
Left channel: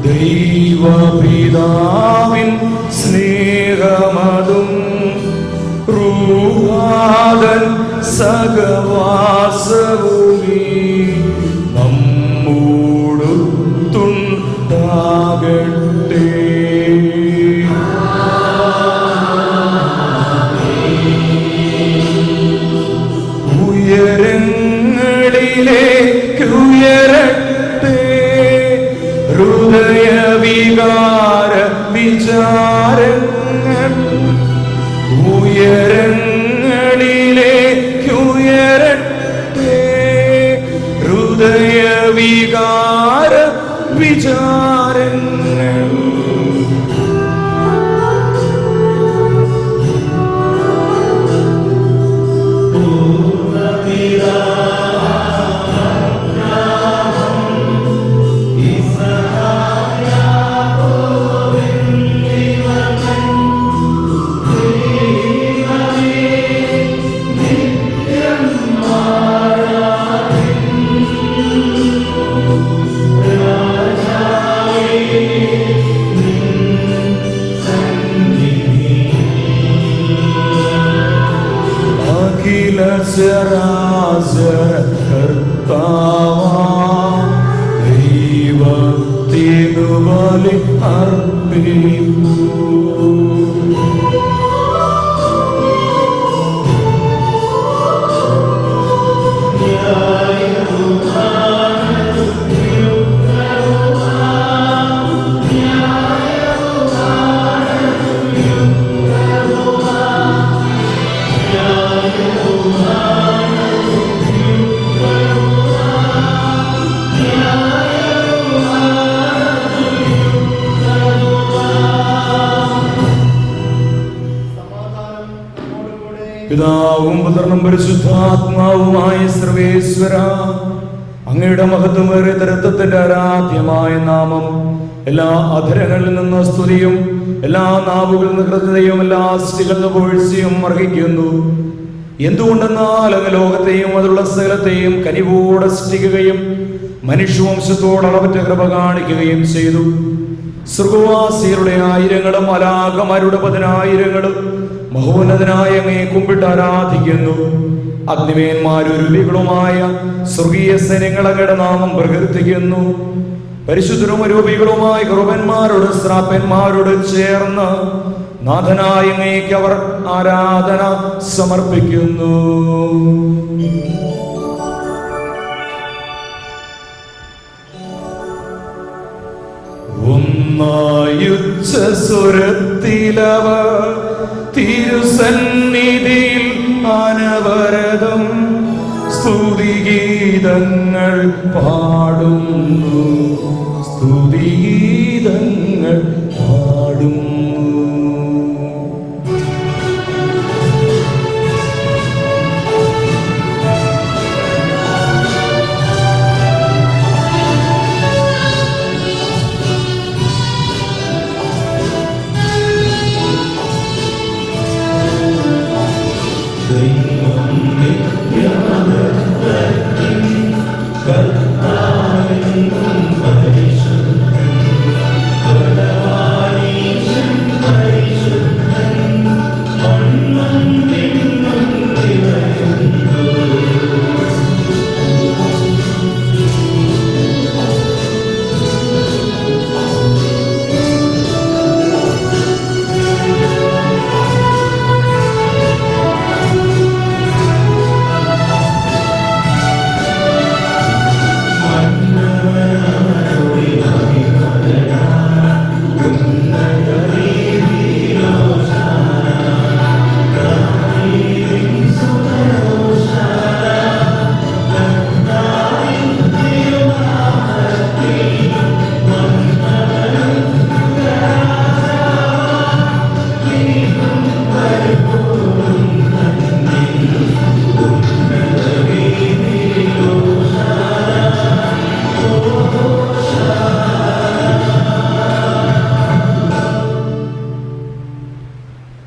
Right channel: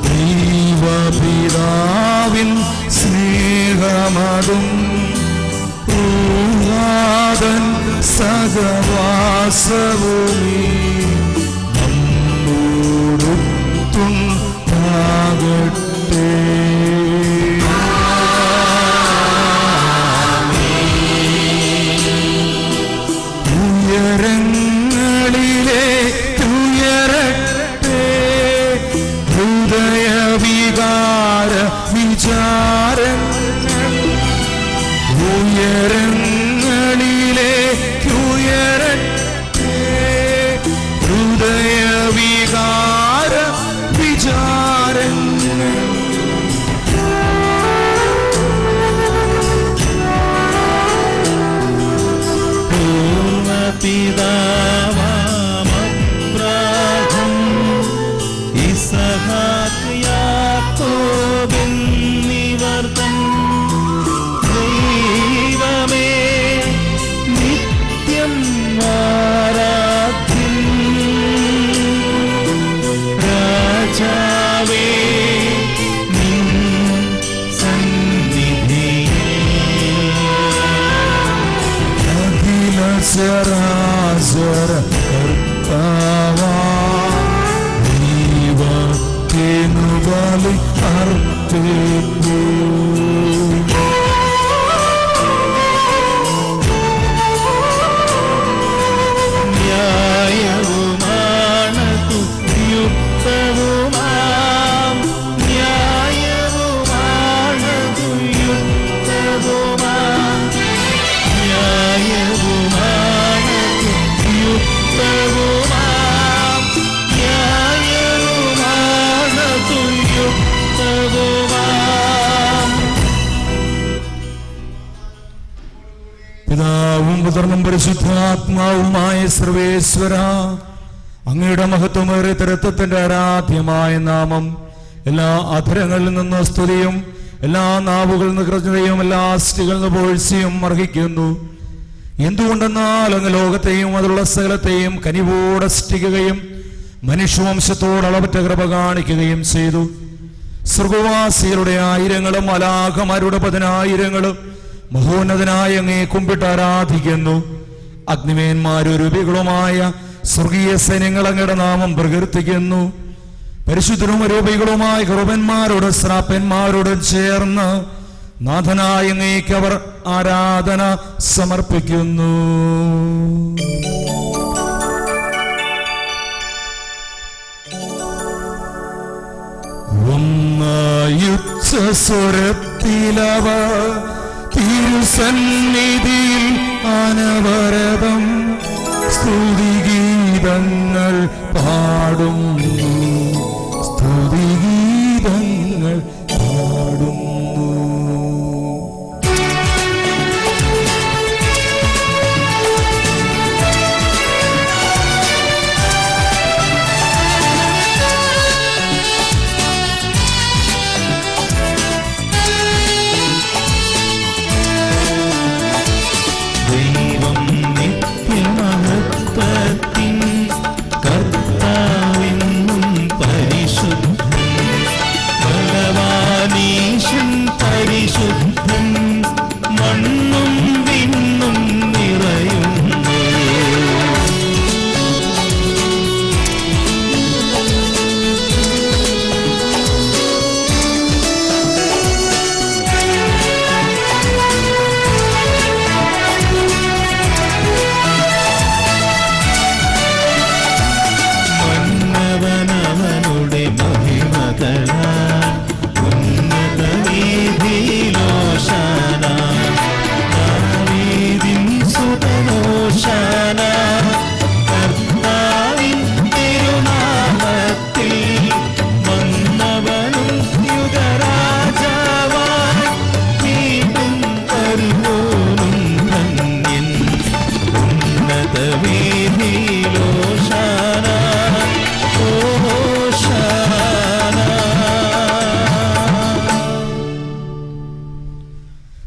ദൈവപിതാവിൻ സ്നേഹമതും ൂഹാദൻ സഹവാസവും നമ്മോടൊത്തുണ്ടാകട്ടെ. ഉയരങ്ങളിലേക്കുയരട്ടെ ഹൃദയവികാര വിചാരങ്ങൾ. ഉയരങ്ങളിലേക്കുയരട്ടെ ഹൃദയവികാര വിചാരങ്ങൾ. അഖില ചരാചര കർത്താവാം ദൈവത്തിനു ബലി അർപ്പിക്കൂ. പിതാവും പുത്രനും പരിശുദ്ധാത്മാവുമായ സർവേശ്വര, അങ്ങയുടെ മഹത്വമേറിയ തരത്വത്തിന്റെ ആരാധ്യമായ നാമം എല്ലാ അധരങ്ങളിൽ നിന്ന് സ്തുതിയും എല്ലാ നാവുകളിൽ നിന്ന് കൃതയും എല്ലാ അസ്ഥികളിൽ നിന്ന് പുകഴ്ചയും അർഹിക്കുന്നു. എന്തുകൊണ്ടെന്നാൽ അങ്ങ് ലോകത്തെയും അതിലുള്ള സകലത്തെയും കനിവോടെ സൃഷ്ടിക്കുകയും മനുഷ്യവംശത്തോട് അളവറ്റ കൃപ കാണിക്കുകയും ചെയ്തു. സ്വർഗവാസികളുടെ ആയിരങ്ങളും മലാഖമാരുടെ 10,000 മഹോന്നതനായ അങ്ങയെ കുമ്പിട്ട് ആരാധിക്കുന്നു. അഗ്നിമേന്മാരൂപികളുമായ സ്വർഗീയ സൈന്യങ്ങൾ അങ്ങയുടെ നാമം പ്രകീർത്തിക്കുന്നു. പരിശുദ്ധരും അരൂപികളുമായ കൃപന്മാരോട് ശ്രാപ്പന്മാരോട് ചേർന്ന് നാഥനായ അങ്ങേക്ക് അവർ ആരാധന സമർപ്പിക്കുന്നു. ഒന്നായുച്ചസ്വരത്തിലവർ തിരുസന്നിധിയിൽ അനവരതം സ്തുതിഗീതങ്ങൾ പാടുന്നു, സ്തുതിഗീതങ്ങൾ പാടുന്നു.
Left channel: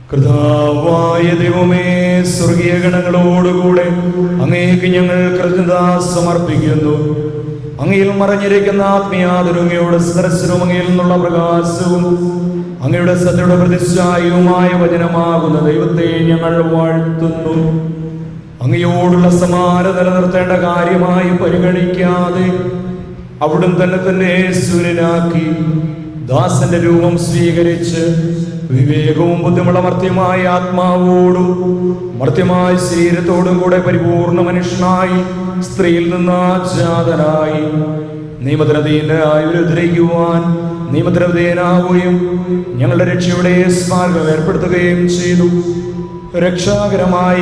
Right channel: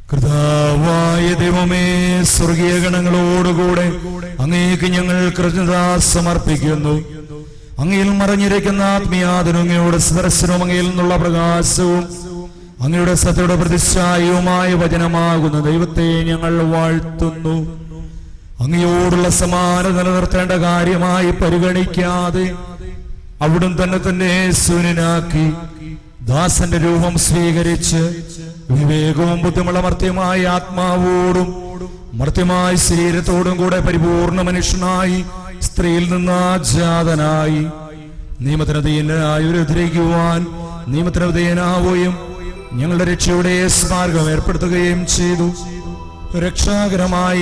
കർത്താവായ ദൈവമേ, സ്വർഗീയ ഗണങ്ങളോടുകൂടെ അങ്ങേക്ക് ഞങ്ങൾ കൃതജ്ഞത സമർപ്പിക്കുന്നു. അങ്ങയിൽ മറഞ്ഞിരിക്കുന്ന ആത്മീയാതിരങ്ങയുടെ ദർശനവും അങ്ങയിൽ നിന്നുള്ള പ്രകാശവും അങ്ങയുടെ സത്യയുടെ പ്രതിച്ഛായയുമായ വചനമാകുന്ന ദൈവത്തെ ഞങ്ങൾ വാഴ്ത്തുന്നു. അങ്ങയോടുള്ള സമാനത നിലനിർത്തേണ്ട കാര്യമായി പരിഗണിക്കാതെ അവിടുന്ന് തന്നെ ശൂന്യനാക്കി ദാസന്റെ രൂപം സ്വീകരിച്ച് വിവേകവും ബുദ്ധിമുള്ള മർത്യമായ ആത്മാവോടും മർത്യമായ ശരീരത്തോടും കൂടെ പരിപൂർണ മനുഷ്യനായി സ്ത്രീയിൽ നിന്ന് ജാതനായി നിയമത്തിനധീനായി ഗ്രഹിക്കുവാൻ നിയമത്തിനധീനാവുകയും ഞങ്ങളുടെ രക്ഷയുടെ സ്മാരകം ഏർപ്പെടുത്തുകയും ചെയ്തു. രക്ഷാകരമായ